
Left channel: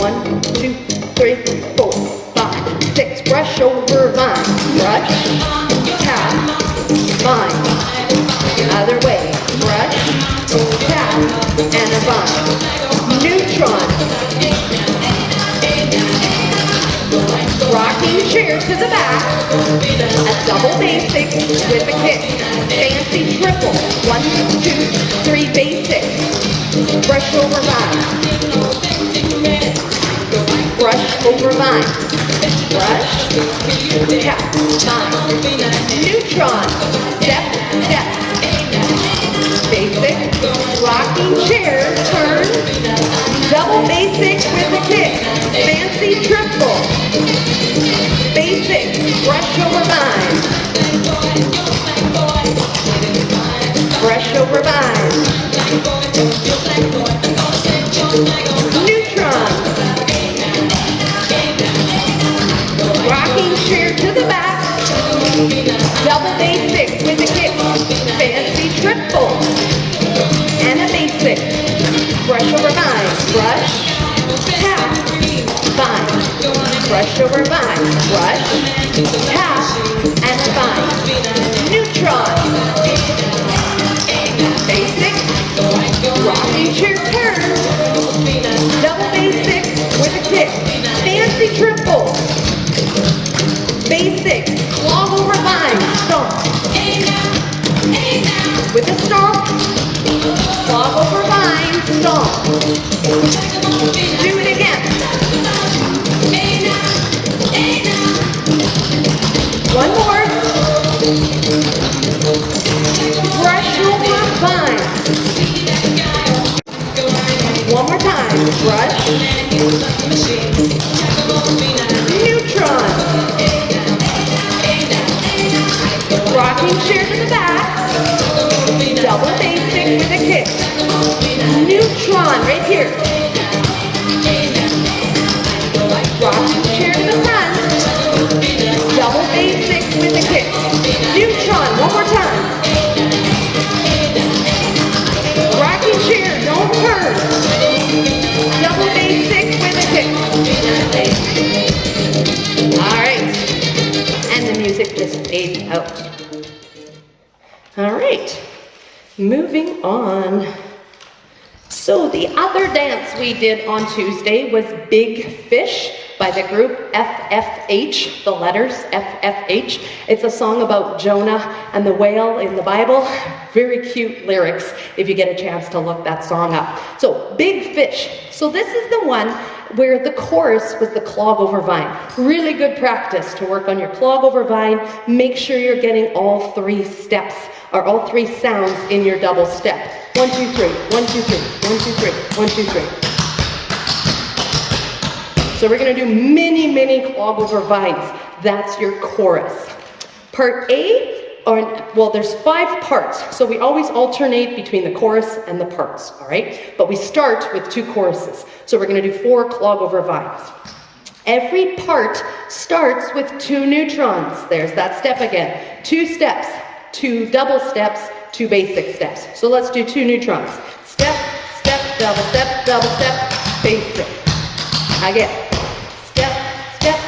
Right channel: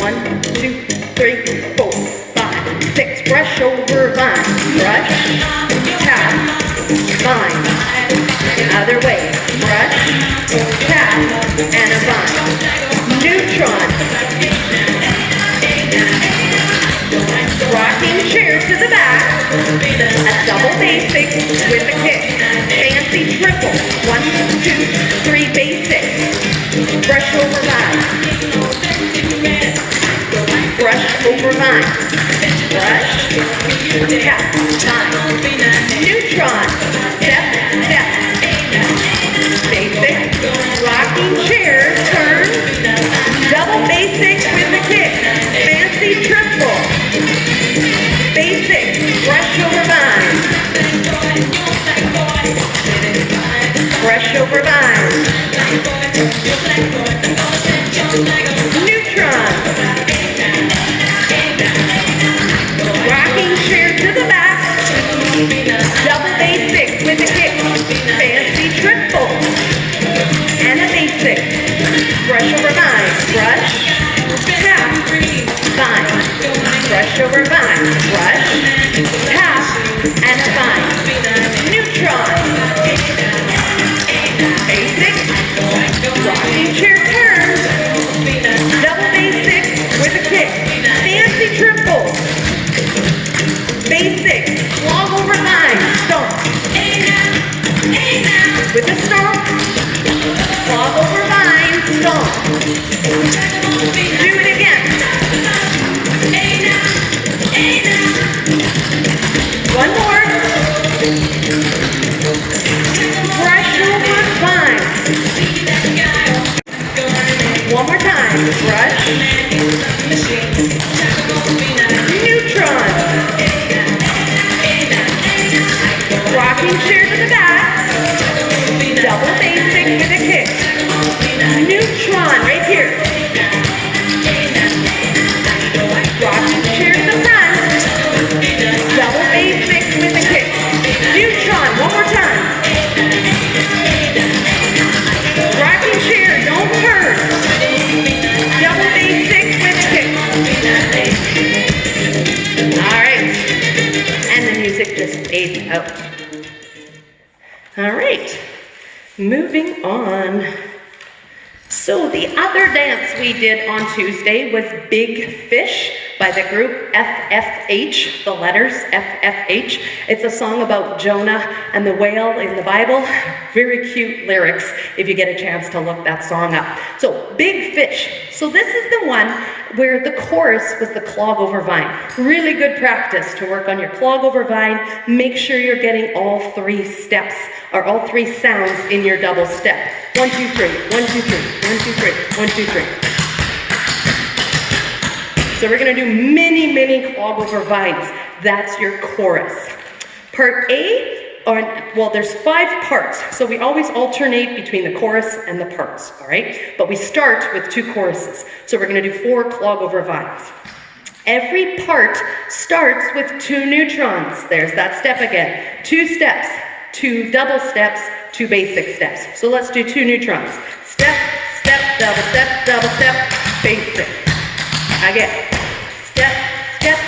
1, 2, 3, 4, 5, 6. Brush over vine, brush, tap, vine. Other way, brush, tap, and a vine. Neutron. Rocking chair to the back. A double basic with a kick. Fancy triple. 1, 2, 3 basic. Brush over vine. Brush over vine. Brush, tap, vine. Neutron. Step, step. Basic. Rocking chair. Turn. Double basic with a kick. Fancy triple. Basic. Brush over vine. Brush over vine. Neutron. Rocking chair to the back. Double basic with a kick. Fancy triple. And a basic. Brush over vine. Brush. Tap. Vine. Brush over vine. Brush. Tap. And a vine. Neutron. Basic. Rocking chair turn. Double basic with a kick. Fancy triple. Basic. Clog over vine. Stomp. With a stomp. Clog over vine. Stomp. Do it again. One more. Brush over vine. One more time. Brush. Neutron. Rocking chair to the back. Double basic with a kick. Neutron right here. Rocking chair to the front. Double basic with a kick. Neutron, one more time. Rocking chair, don't turn. Double basic with a kick. All right. And the music just fades out. All right. Moving on. So the other dance we did on Tuesday was Big Fish by the group FFH, the letters FFH. It's a song about Jonah and the whale in the Bible. Very cute lyrics if you get a chance to look that song up. So Big Fish. So this is the one where the chorus was the clog over vine. Really good practice to work on your clog over vine. Make sure you're getting all 3 steps or all 3 sounds in your double step. 1, 2, 3, 1, 2, 3, 1, 2, 3, 1, 2, 3. So we're gonna do many, many clog over vines. That's your chorus. Part A, there's 5 parts. So we always alternate between the chorus and the parts, all right? But we start with 2 choruses. So we're gonna do 4 clog over vines. Every part starts with 2 neutrons. There's that step again. 2 steps, 2 double steps, 2 basic steps. So let's do 2 neutrons. Step, step, double step, basic. Again. Step, step,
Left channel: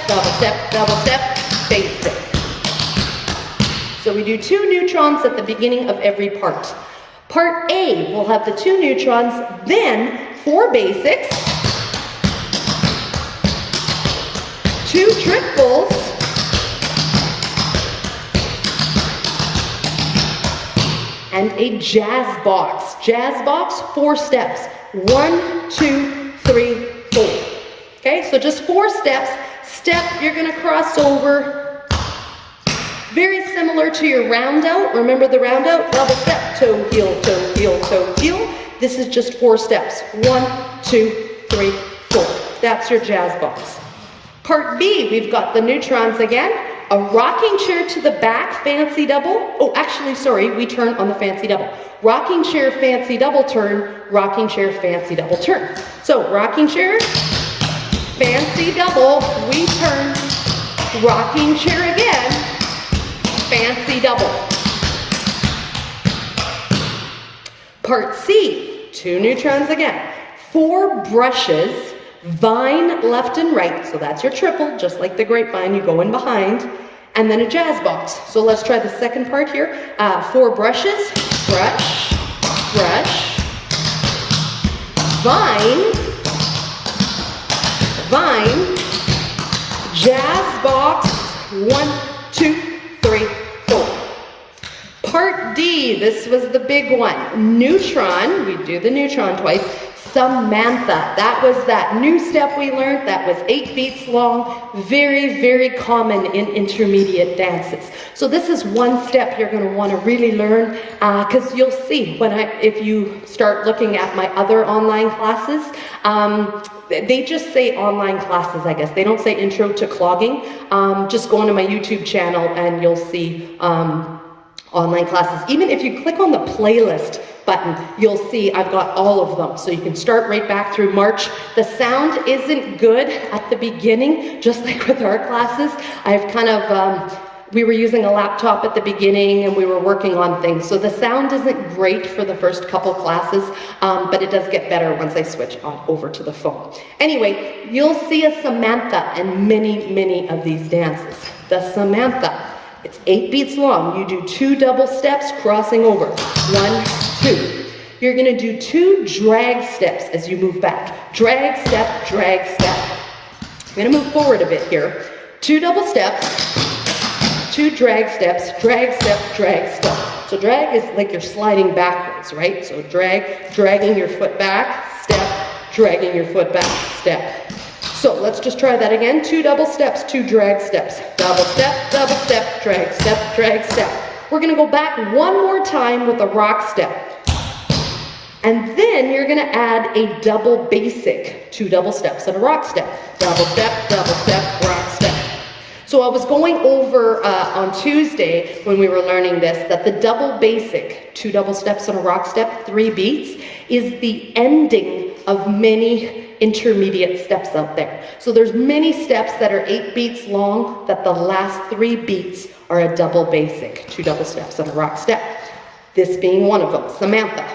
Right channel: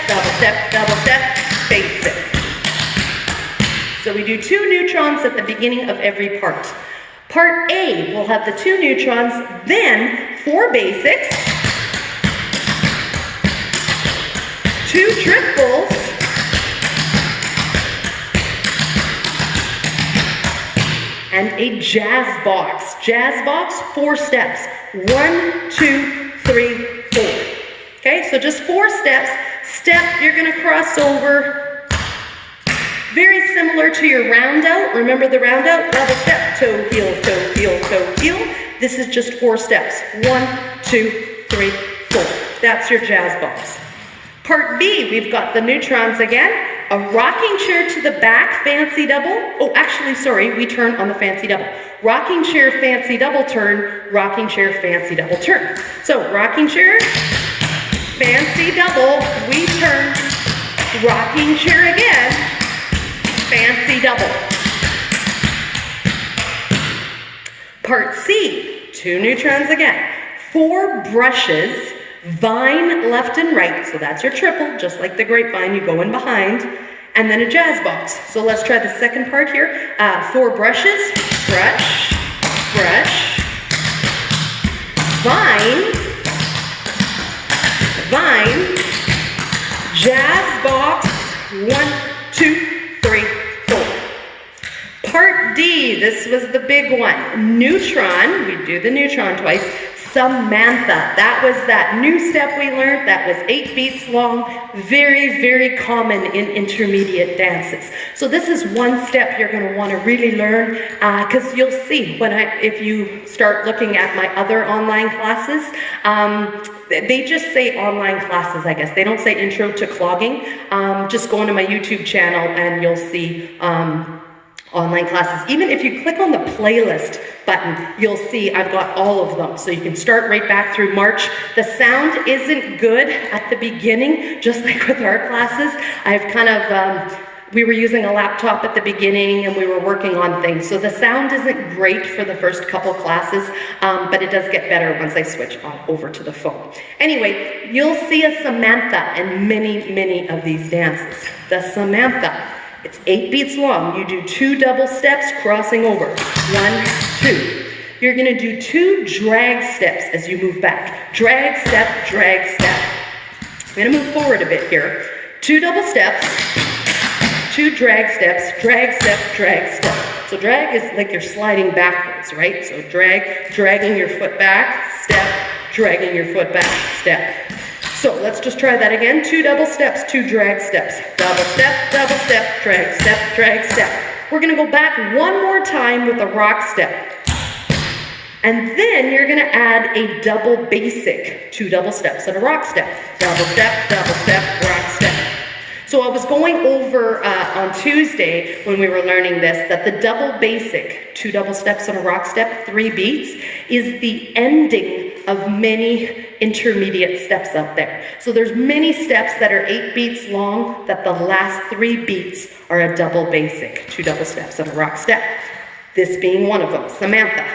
double step, basic. So we do 2 neutrons at the beginning of every part. Part A will have the 2 neutrons, then 4 basics, 2 triples, and a jazz box. Jazz box, 4 steps. 1, 2, 3, 4. Okay, so just 4 steps. Step, you're gonna cross over. Very similar to your round out. Remember the round out? Double step, toe, heel, toe, heel, toe, heel. This is just 4 steps. 1, 2, 3, 4. That's your jazz box. Part B, we've got the neutrons again. A rocking chair to the back, fancy double. Oh, actually, sorry, we turn on the fancy double. Rocking chair, fancy double turn, rocking chair, fancy double turn. So, rocking chair, fancy double, we turn, rocking chair again, fancy double. Part C, 2 neutrons again. 4 brushes, vine left and right, so that's your triple, just like the grapevine, you go in behind, and then a jazz box. So let's try the second part here. 4 brushes, brush, brush, vine, vine, jazz box, 1, 2, 3, 4. Part D, this was the big one. Neutron, we do the neutron twice. Samantha, that was that new step we learned that was 8 beats long, very, very common in intermediate dances. So this is one step you're going to want to really learn because you'll see if you start looking at my other online classes, they just say online classes, I guess. They don't say intro to clogging. Just go onto my YouTube channel and you'll see online classes. Even if you click on the playlist button, you'll see I've got all of them. So you can start right back through March. The sound isn't good at the beginning, just like with our classes. I've kind of, we were using a laptop at the beginning and we were working on things. So the sound isn't great for the first couple classes, but it does get better once I switch over to the phone. Anyway, you'll see a Samantha in many, many of these dances. The Samantha. It's 8 beats long. You do 2 double steps crossing over. 1, 2. You're going to do 2 drag steps as you move back. Drag step, drag step. I'm going to move forward a bit here. 2 double steps, 2 drag steps, drag step, drag step. So drag is like you're sliding backwards, right? So drag, dragging your foot back, step, dragging your foot back, step. So let's just try that again. 2 double steps, 2 drag steps. Double step, drag step, drag step. We're going to go back one more time with a rock step. And then you're going to add a double basic. 2 double steps and a rock step. Double step, rock step. So I was going over on Tuesday when we were learning this, that the double basic, 2 double steps and a rock step, 3 beats, is the ending of many intermediate steps out there. So there's many steps that are 8 beats long, that the last 3 beats are a double basic, 2 double steps and a rock step. This being one of them, Samantha.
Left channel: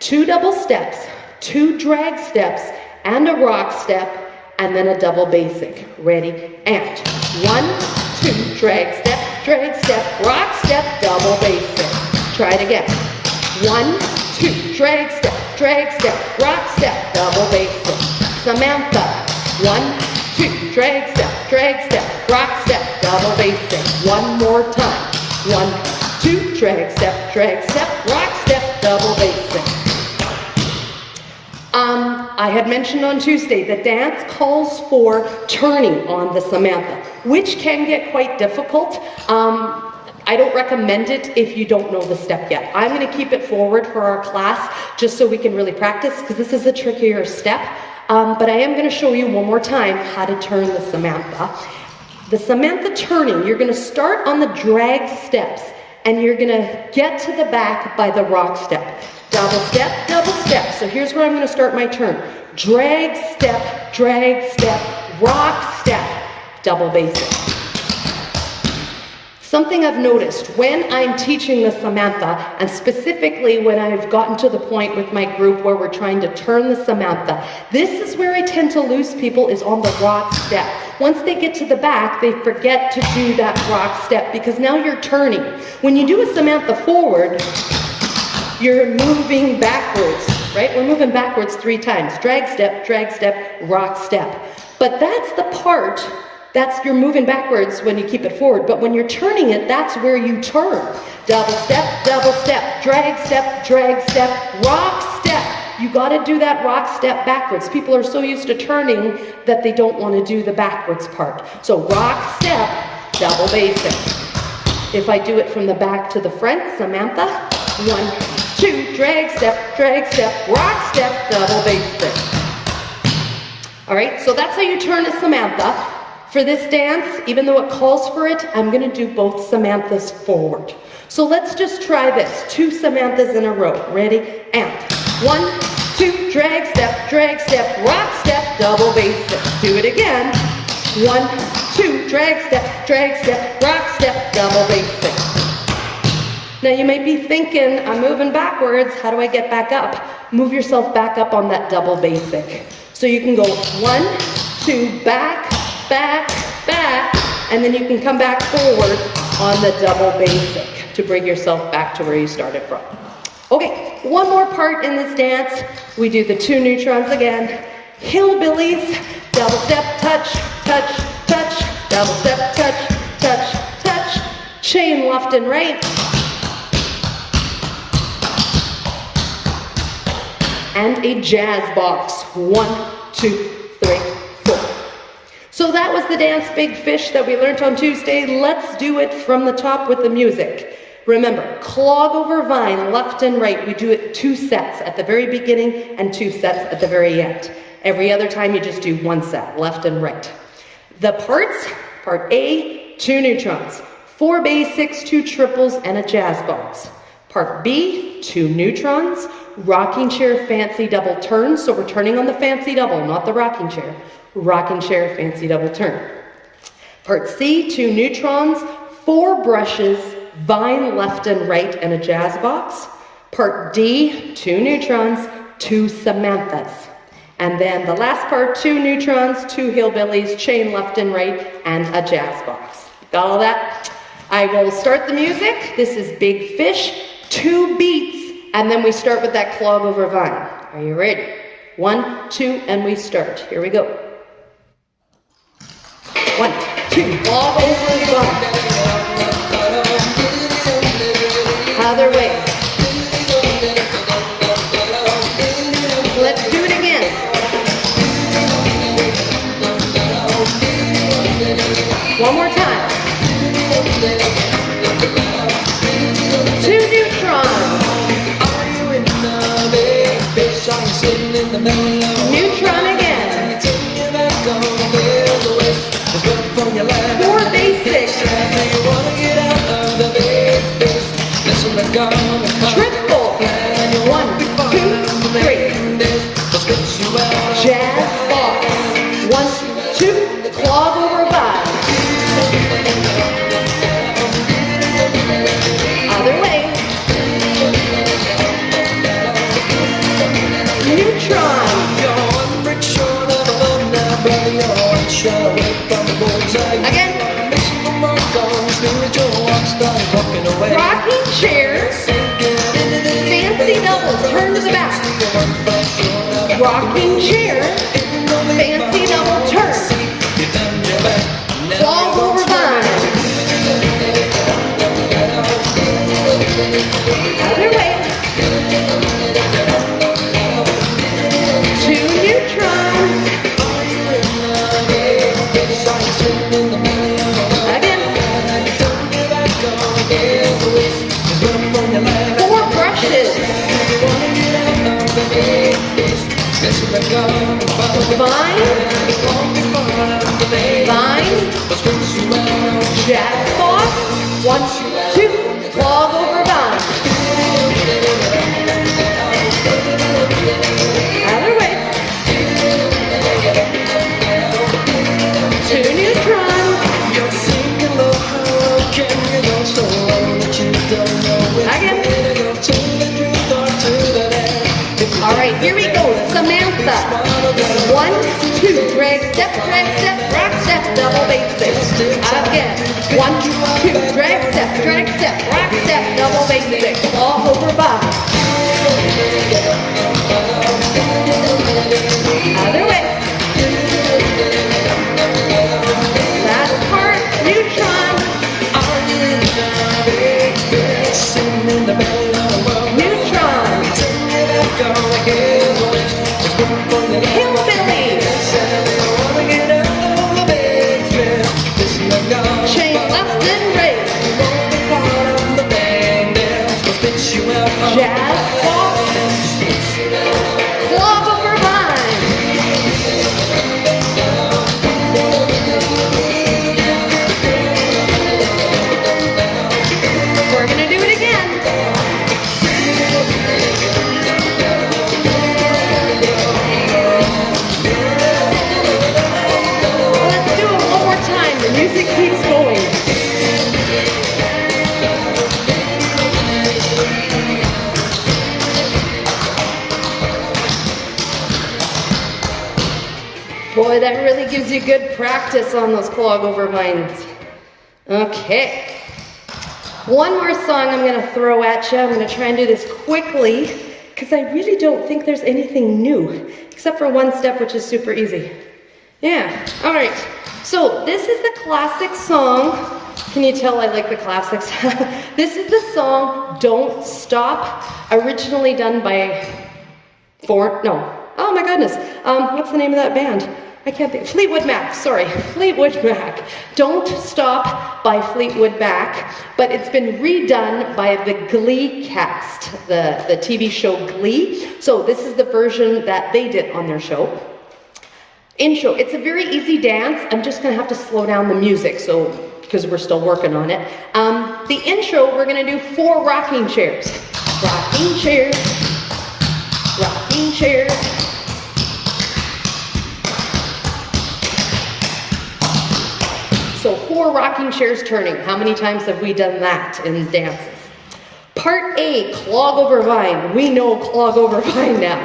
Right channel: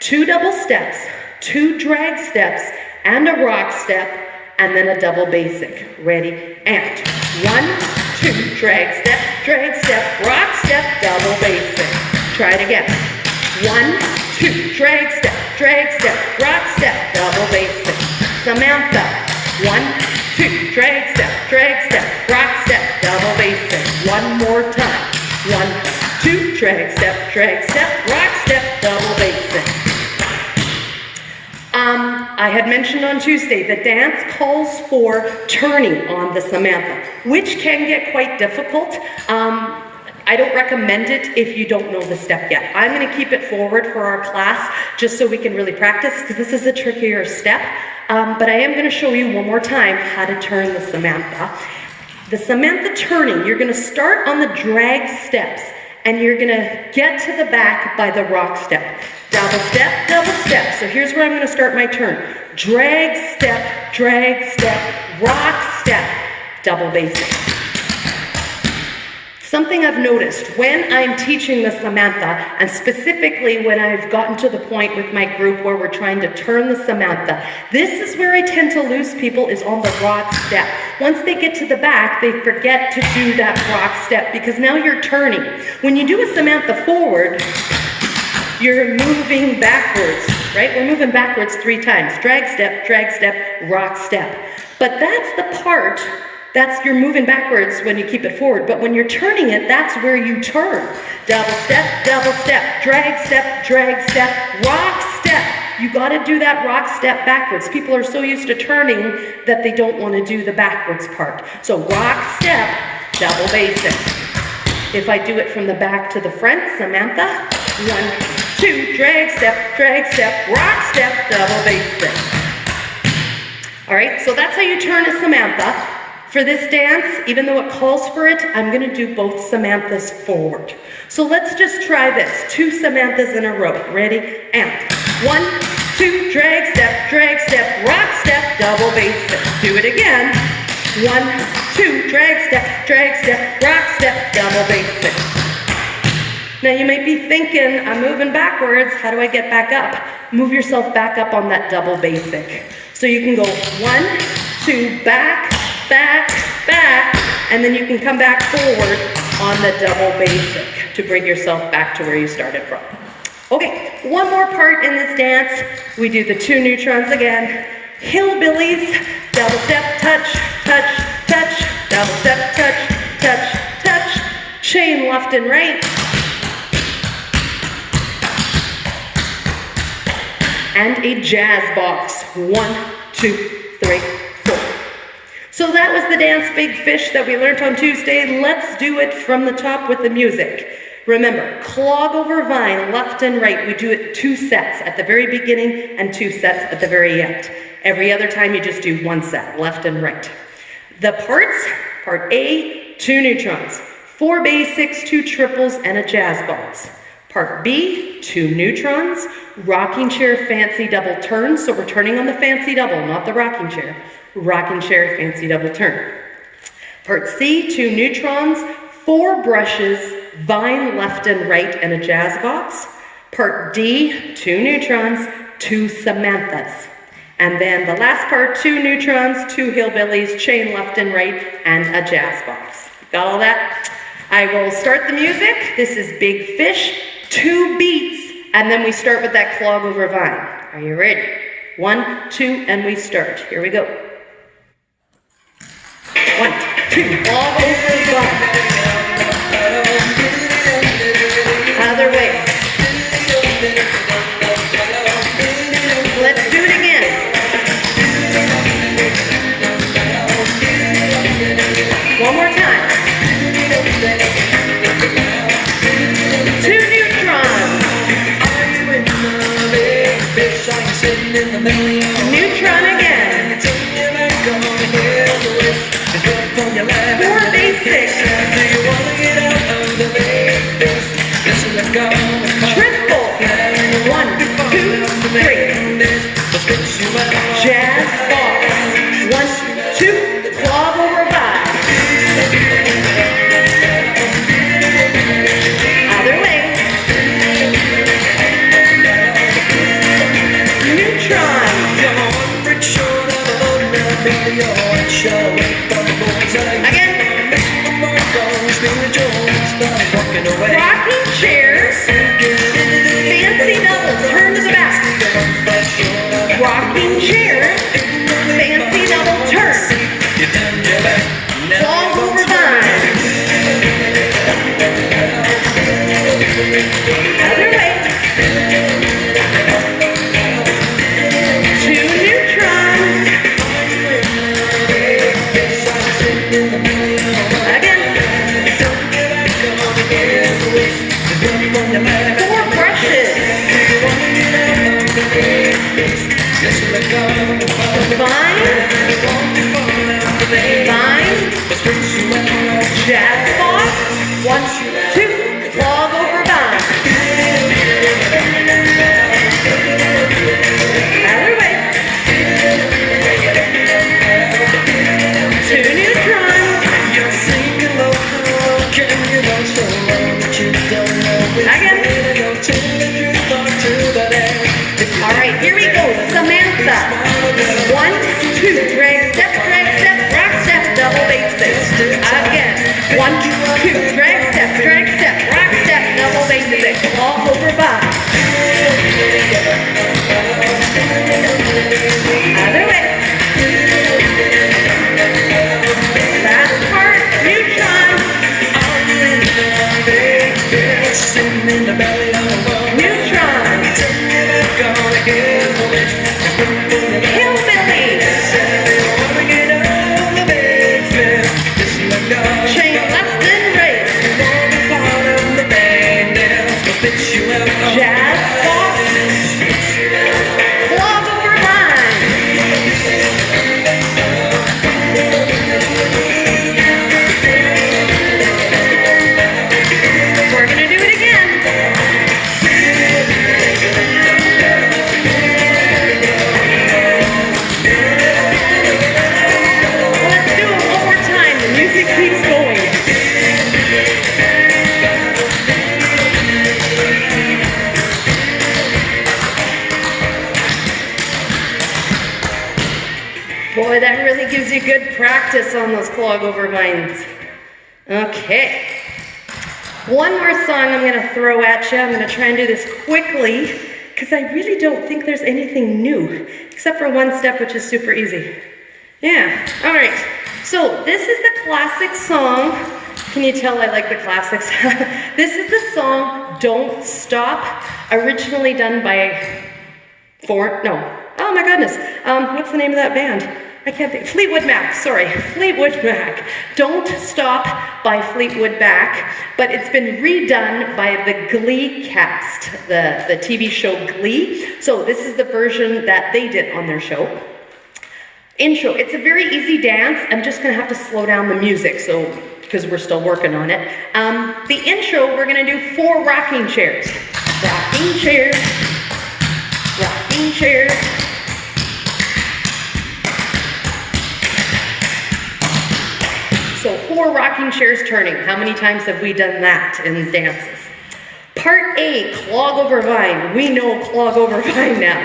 2 double steps, 2 drag steps, and a rock step, and then a double basic. Ready? And 1, 2, drag step, rock step, double basic. Try it again. 1, 2, drag step, rock step, double basic. Samantha. 1, 2, drag step, rock step, double basic. One more time. 1, 2, drag step, rock step, double basic. I had mentioned on Tuesday, the dance calls for turning on the Samantha, which can get quite difficult. I don't recommend it if you don't know the step yet. I'm going to keep it forward for our class just so we can really practice, because this is a trickier step. But I am going to show you one more time how to turn the Samantha. The Samantha turning, you're going to start on the drag steps, and you're going to get to the back by the rock step. Double step, double step. So here's where I'm going to start my turn. Drag step, rock step, double basic. Something I've noticed when I'm teaching the Samantha, and specifically when I've gotten to the point with my group where we're trying to turn the Samantha, this is where I tend to lose people, is on the rock step. Once they get to the back, they forget to do that rock step because now you're turning. When you do a Samantha forward, you're moving backwards, right? We're moving backwards 3 times. Drag step, rock step. But that's the part You're moving backwards when you keep it forward, but when you're turning it, that's where you turn. Double step, drag step, rock step. You got to do that rock step backwards. People are so used to turning that they don't want to do the backwards part. So rock step, double basic. If I do it from the back to the front, Samantha, 1, 2, drag step, rock step, double basic. All right, so that's how you turn a Samantha. For this dance, even though it calls for it, I'm going to do both Samanthas forward. So let's just try this. 2 Samanthas in a row. Ready? And 1, 2, drag step, rock step, double basic. Do it again. 1, 2, drag step, rock step, double basic. Now you might be thinking, I'm moving backwards. How do I get back up? Move yourself back up on that double basic. So you can go 1, 2, back, and then you can come back forward on the double basic to bring yourself back to where you started from. Okay, one more part in this dance. We do the 2 neutrons again. Hillbillies, double step, touch, double step, touch, chain left and right. And a jazz box. 1, 2, 3, 4. So that was the dance Big Fish that we learned on Tuesday. Let's do it from the top with the music. Remember, clog over vine, left and right. We do it 2 sets at the very beginning and 2 sets at the very end. Every other time you just do 1 set, left and right. The parts, part A, 2 neutrons, 4 basics, 2 triples, and a jazz box. Part B, 2 neutrons, rocking chair, fancy double turn. So we're turning on the fancy double, not the rocking chair. Rocking chair, fancy double turn. Part C, 2 neutrons, 4 brushes, vine left and right, and a jazz box. Part D, 2 neutrons, 2 Samanthas. And then the last part, 2 neutrons, 2 hillbillies, chain left and right, and a jazz box. Got all that? I will start the music. This is Big Fish, 2 beats, and then we start with that clog over vine. Are you ready? 1, 2, and we start. Here we go. 1, 2, clog over vine. Other way. Let's do it again. One more time. 2 neutrons. Neutron again. 4 basics. Triple. 1, 2, 3. Jazz box. 1, 2. Clog over vine. Other way. Neutron. Again. Rocking chair. Fancy double. Turn to the back. Rocking chair. Fancy double. Turn. Clog over vine. Other way. 2 neutrons. Again. 4 brushes. Vine. Jazz box. 1, 2. Clog over vine. Other way. 2 neutrons. Again. All right, here we go. Samantha. 1, 2. Drag step, rock step, double basic. Again. 1, 2. Drag step, rock step, double basic. All over vine. Other way. Hillbilly. Chain left and right. Jazz box. Clog over line. We're gonna do it again. Let's do it one more time. The music keeps going. Boy, that really gives you good practice on those clog over vines. Okay. One more song I'm going to throw at you. I'm going to try and do this quickly because I really don't think there's anything new except for one step, which is super easy. Yeah, all right. So this is the classic song. Can you tell I like the classics? This is the song Don't Stop, originally done by oh my goodness. What's the name of that band? I can't think. Fleetwood Mac, sorry. Fleetwood Mac. Don't Stop by Fleetwood Mac, but it's been redone by the Glee cast, the TV show Glee. So this is the version that they did on their show. Intro, it's a very easy dance. I'm just gonna have to slow down the music, because we're still working on it. The intro, we're gonna do 4 rocking chairs. Rocking chairs, rocking chairs. So 4 rocking chairs turning. How many times have we done that in dances? Part A, clog over vine. We know clog over vine now.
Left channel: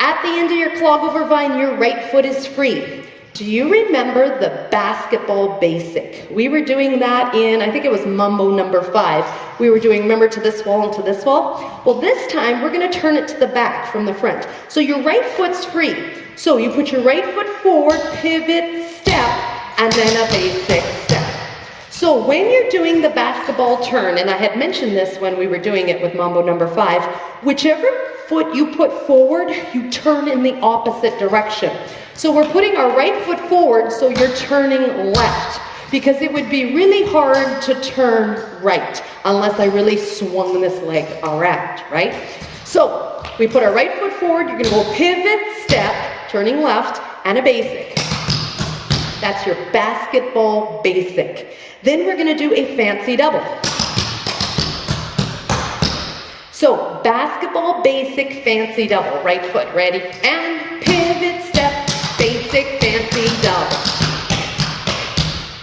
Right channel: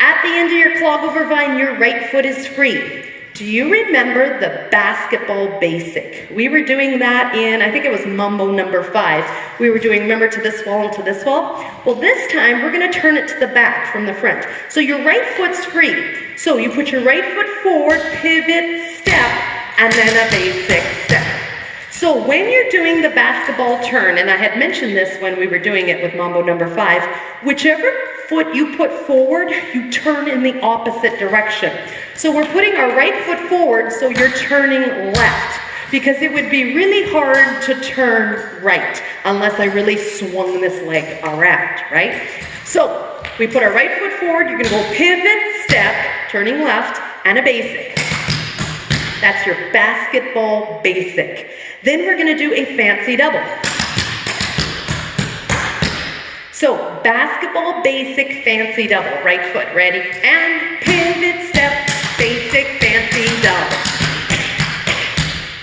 At the end of your clog over vine, your right foot is free. Do you remember the basketball basic? We were doing that in, I think it was Mambo number 5. We were doing, remember, to this wall and to this wall? Well, this time we're gonna turn it to the back from the front. So your right foot's free. So you put your right foot forward, pivot, step, and then a basic step. So when you're doing the basketball turn, and I had mentioned this when we were doing it with Mambo number 5, whichever foot you put forward, you turn in the opposite direction. So we're putting our right foot forward, so you're turning left, because it would be really hard to turn right unless I really swung this leg around, right? So we put our right foot forward, you're gonna go pivot, step, turning left, and a basic. That's your basketball basic. Then we're gonna do a fancy double. So basketball basic fancy double, right foot, ready? And pivot, step, basic fancy double.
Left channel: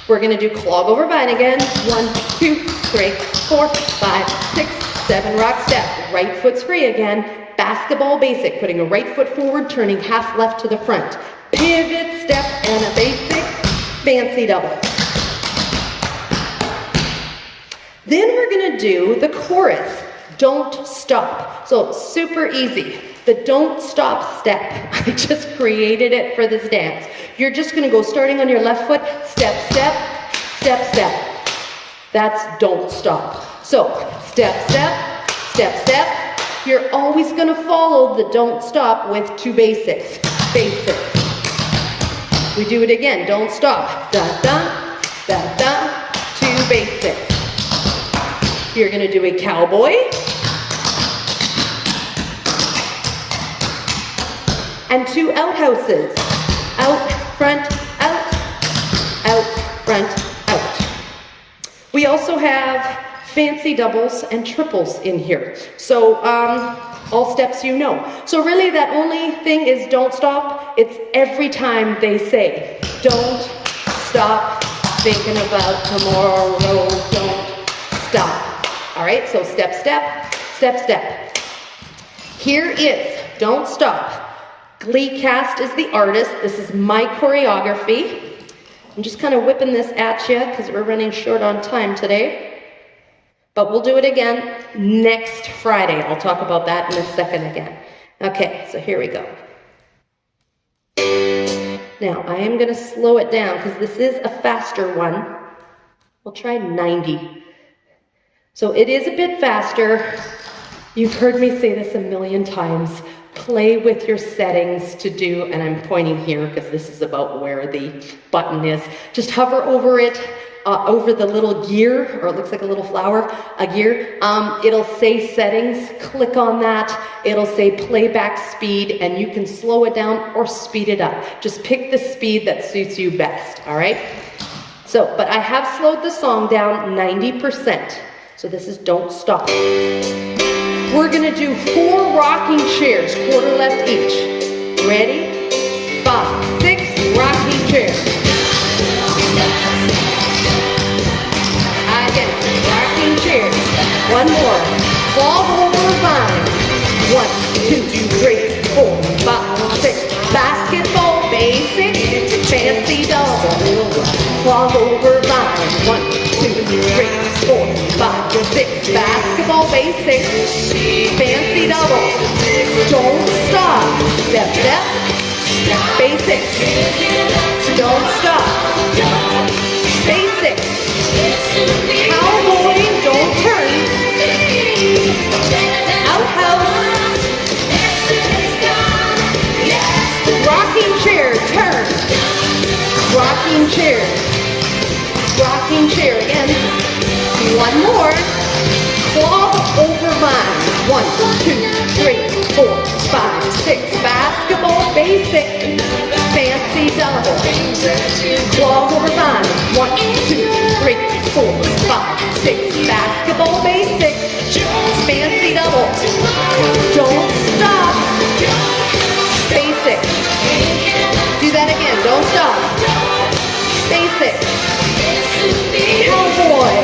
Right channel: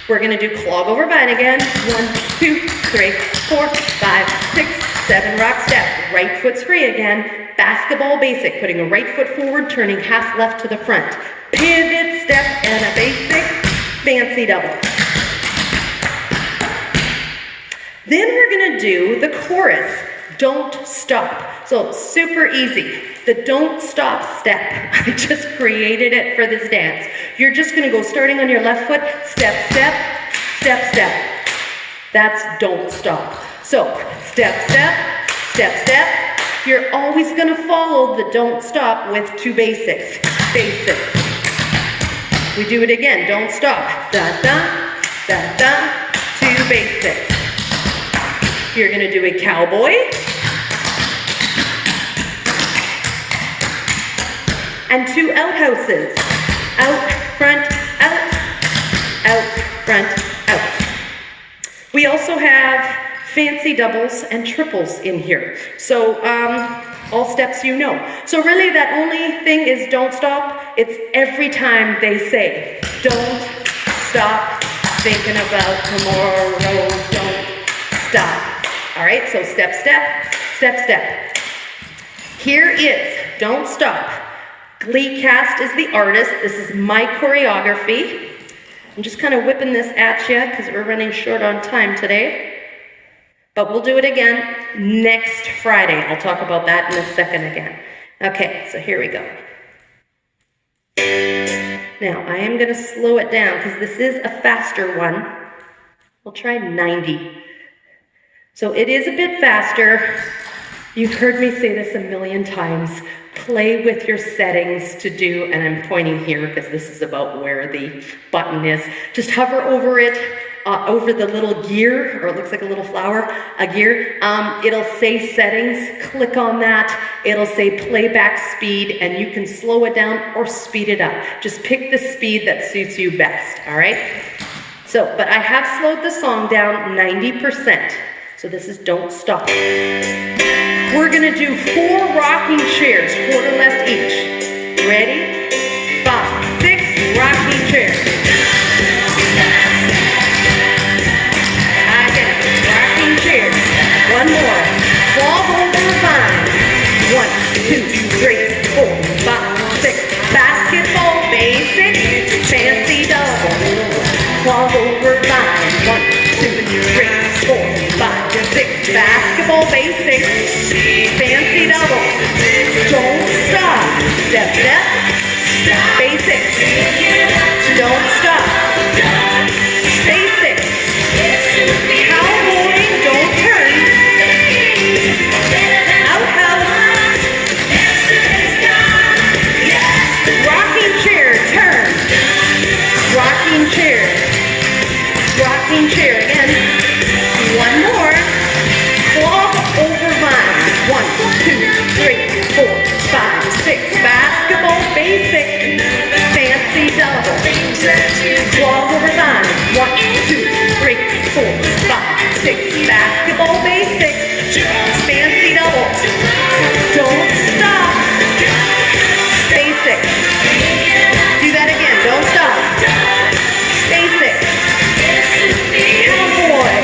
We're gonna do clog over vine again. 1, 2, 3, 4, 5, 6, 7, rock step. Right foot's free again. Basketball basic, putting a right foot forward, turning half left to the front. Pivot, step, and a basic fancy double. Then we're gonna do the chorus, don't stop. So super easy. The don't stop step. I just created it for this dance. You're just gonna go starting on your left foot, step, step, step, step. That's don't stop. So step, step, step, step. You're always gonna follow the don't stop with 2 basics. Basics. We do it again, don't stop. Da, da, da, da, 2 basics. You're gonna do a cowboy. And 2 outhouses. Out, front, out, front, out. We also have fancy doubles and triples in here. So all steps you know. So really that only thing is don't stop. It's every time they say, don't stop thinking about tomorrow, don't stop. All right, so step, step, step, step. Here is Don't Stop. Glee cast is the artist. This is my choreography. I'm just kind of whipping this at you because we're running short on time today. But we'll do it again next Friday. I'll talk about that in a second again. Okay, so here we go. Now, I am going to slow it down because this is a faster one. We'll try 90. So it is a bit faster. You've heard me say this a million times. Play with your settings to do, and I'm pointing here because this is about where the button is. Just hover over it, over the little gear, or it looks like a little flower, a gear. It'll say settings, click on that. It'll say playback speed, and you can slow it down or speed it up. Just pick the speed that suits you best, all right? So, but I have slowed the song down 90%. So this is Don't Stop. We're gonna do 4 rocking chairs, quarter left each. Ready? 5, 6, rocking chairs. Again, rocking chairs. One more. Clog over vine. 1, 2, 3, 4, 5, 6. Basketball basics, fancy double. Clog over vine. 1, 2, 3, 4, 5, 6. Basketball basics, fancy double. Don't stop. Step, step. Basics. Don't stop. Basics. Cowboy, don't turn. Outhouse. Rocking chair, turn. Rocking chair. Rocking chair again. One more. Clog over vine. 1, 2, 3, 4, 5, 6. Basketball basic. Fancy double. Clog over vine. 1, 2, 3, 4, 5, 6. Basketball basic. Fancy double. Don't stop. Basic. Do that again. Don't stop. Basic. Cowboy.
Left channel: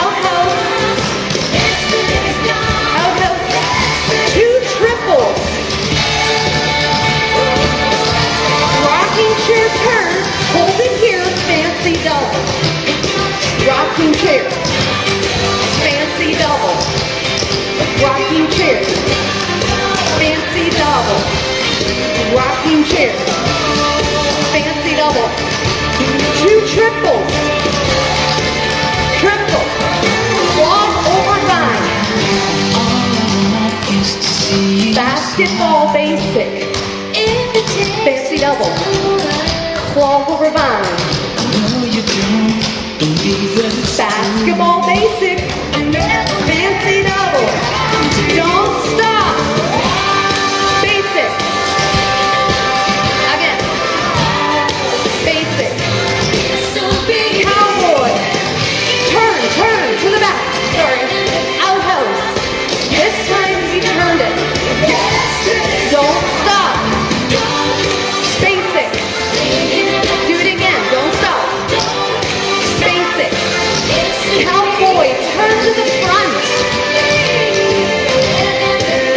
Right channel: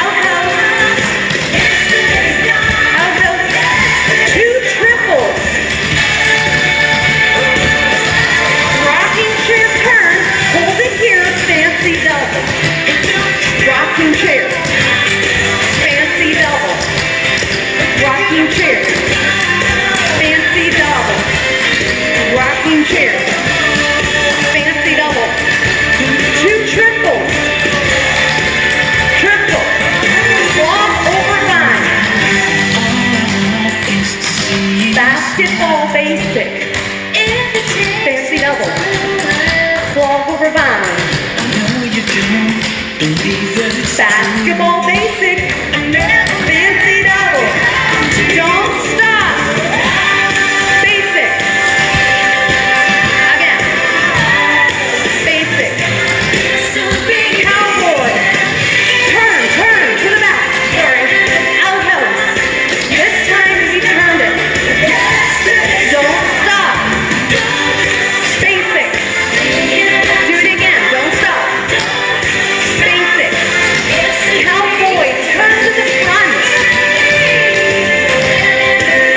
Outhouse. 2 triples. Rocking chair turn. Hold it here. Fancy double. Rocking chair. Fancy double. Rocking chair. Fancy double. Rocking chair. Fancy double. 2 triples. Triple. Clog over vine. Basketball basic. Fancy double. Clog over vine. Basketball basic. Fancy double. Don't stop. Basic. Again. Basic. Cowboy. Turn to the back. Sorry. Outhouse. This time we turned it. Don't stop. Basic. Do it again. Don't stop. Basic. Cowboy. Turn to the front.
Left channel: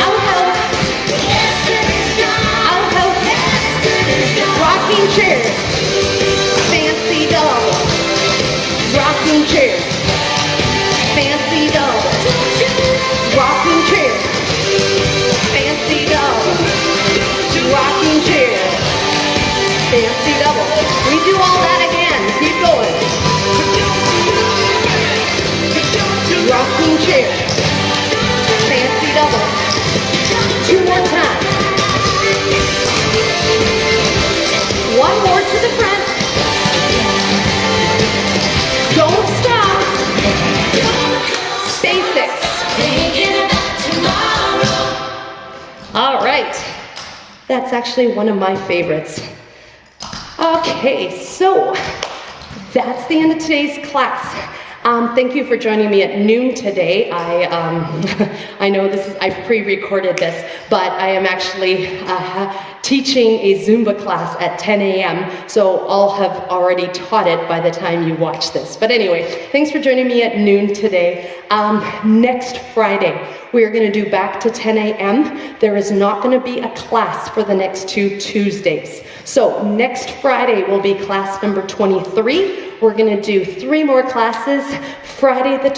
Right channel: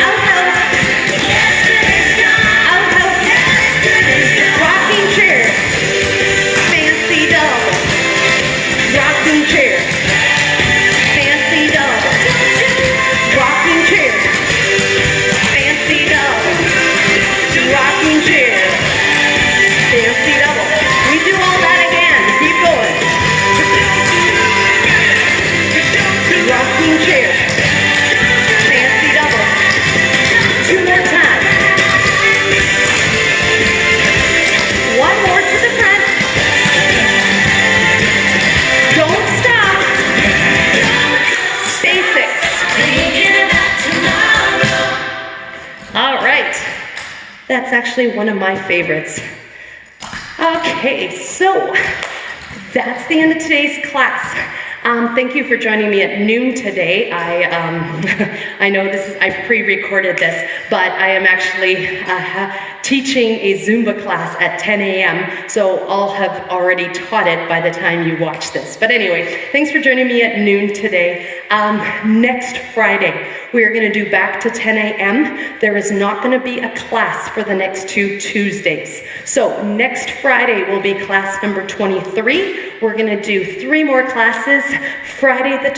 Outhouse. Outhouse. Rocking chair. Fancy double. Rocking chair. Fancy double. Rocking chair. Fancy double. Rocking chair. Fancy double. We do all that again. Keep going. Rocking chair. Fancy double. 2 more times. 1 more to the front. Don't stop. Basics. All right. That's actually one of my favorites. Okay, so that's the end of today's class. Thank you for joining me at noon today. I know I've pre-recorded this, but I am actually teaching a Zumba class at 10 a.m. So I'll have already taught it by the time you watch this. But anyway, thanks for joining me at noon today. Next Friday, we are going to do back to 10 a.m. There is not going to be a class for the next 2 Tuesdays. So next Friday will be class number 23. We're going to do 3 more classes. Friday the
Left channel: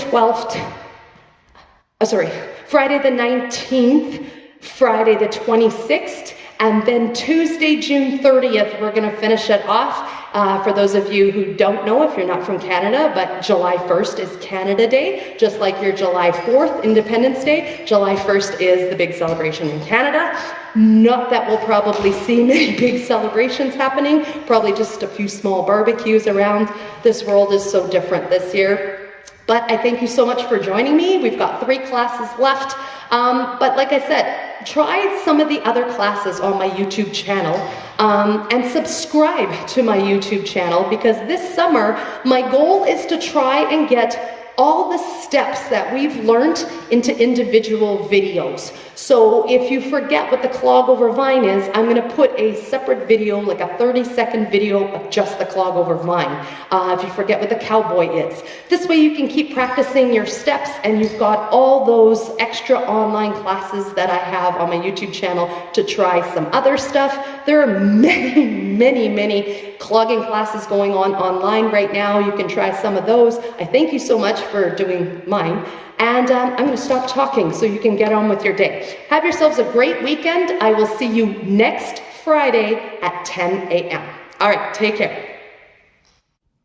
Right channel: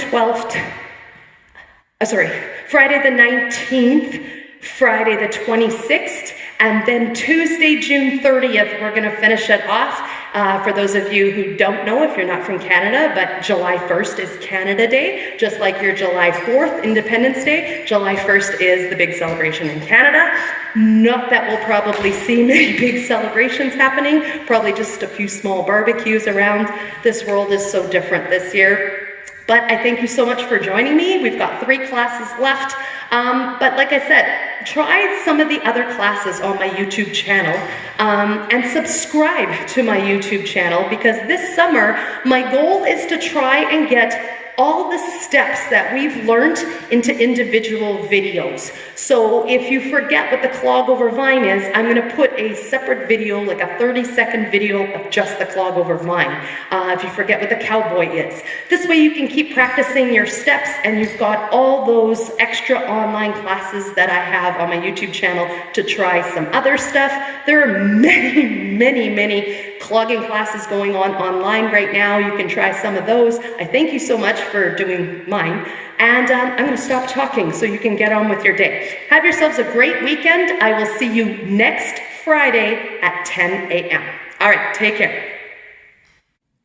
19th, Friday the 26th, and then Tuesday, June 30th, we're going to finish it off For those of you who don't know, if you're not from Canada, but July 1st is Canada Day, just like your July 4th, Independence Day. July 1st is the big celebration in Canada. Not that we'll probably see many big celebrations happening, probably just a few small barbecues around. This world is so different this year. But I thank you so much for joining me. We've got 3 classes left. But like I said, try some of the other classes on my YouTube channel and subscribe to my YouTube channel, because this summer, my goal is to try and get all the steps that we've learned into individual videos. So if you forget what the clog over vine is, I'm gonna put a separate video, like a 30-second video of just the clog over vine. If you forget what the cowboy is. This way you can keep practicing your steps, and you've got all those extra online classes that I have on my YouTube channel to try some other stuff. There are many clogging classes going on online right now. You can try some of those. I thank you so much for doing mine. And I'm going to stop talking so you can get on with your day. Have yourselves a great weekend. I will see you next Friday at 10 a.m. All right, take care.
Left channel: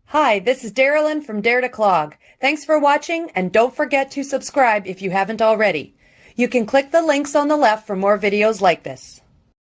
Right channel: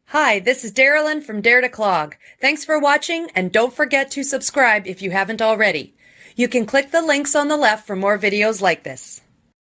Hi, this is Darylyn from Dare to Clog. Thanks for watching, and don't forget to subscribe if you haven't already. You can click the links on the left for more videos like this.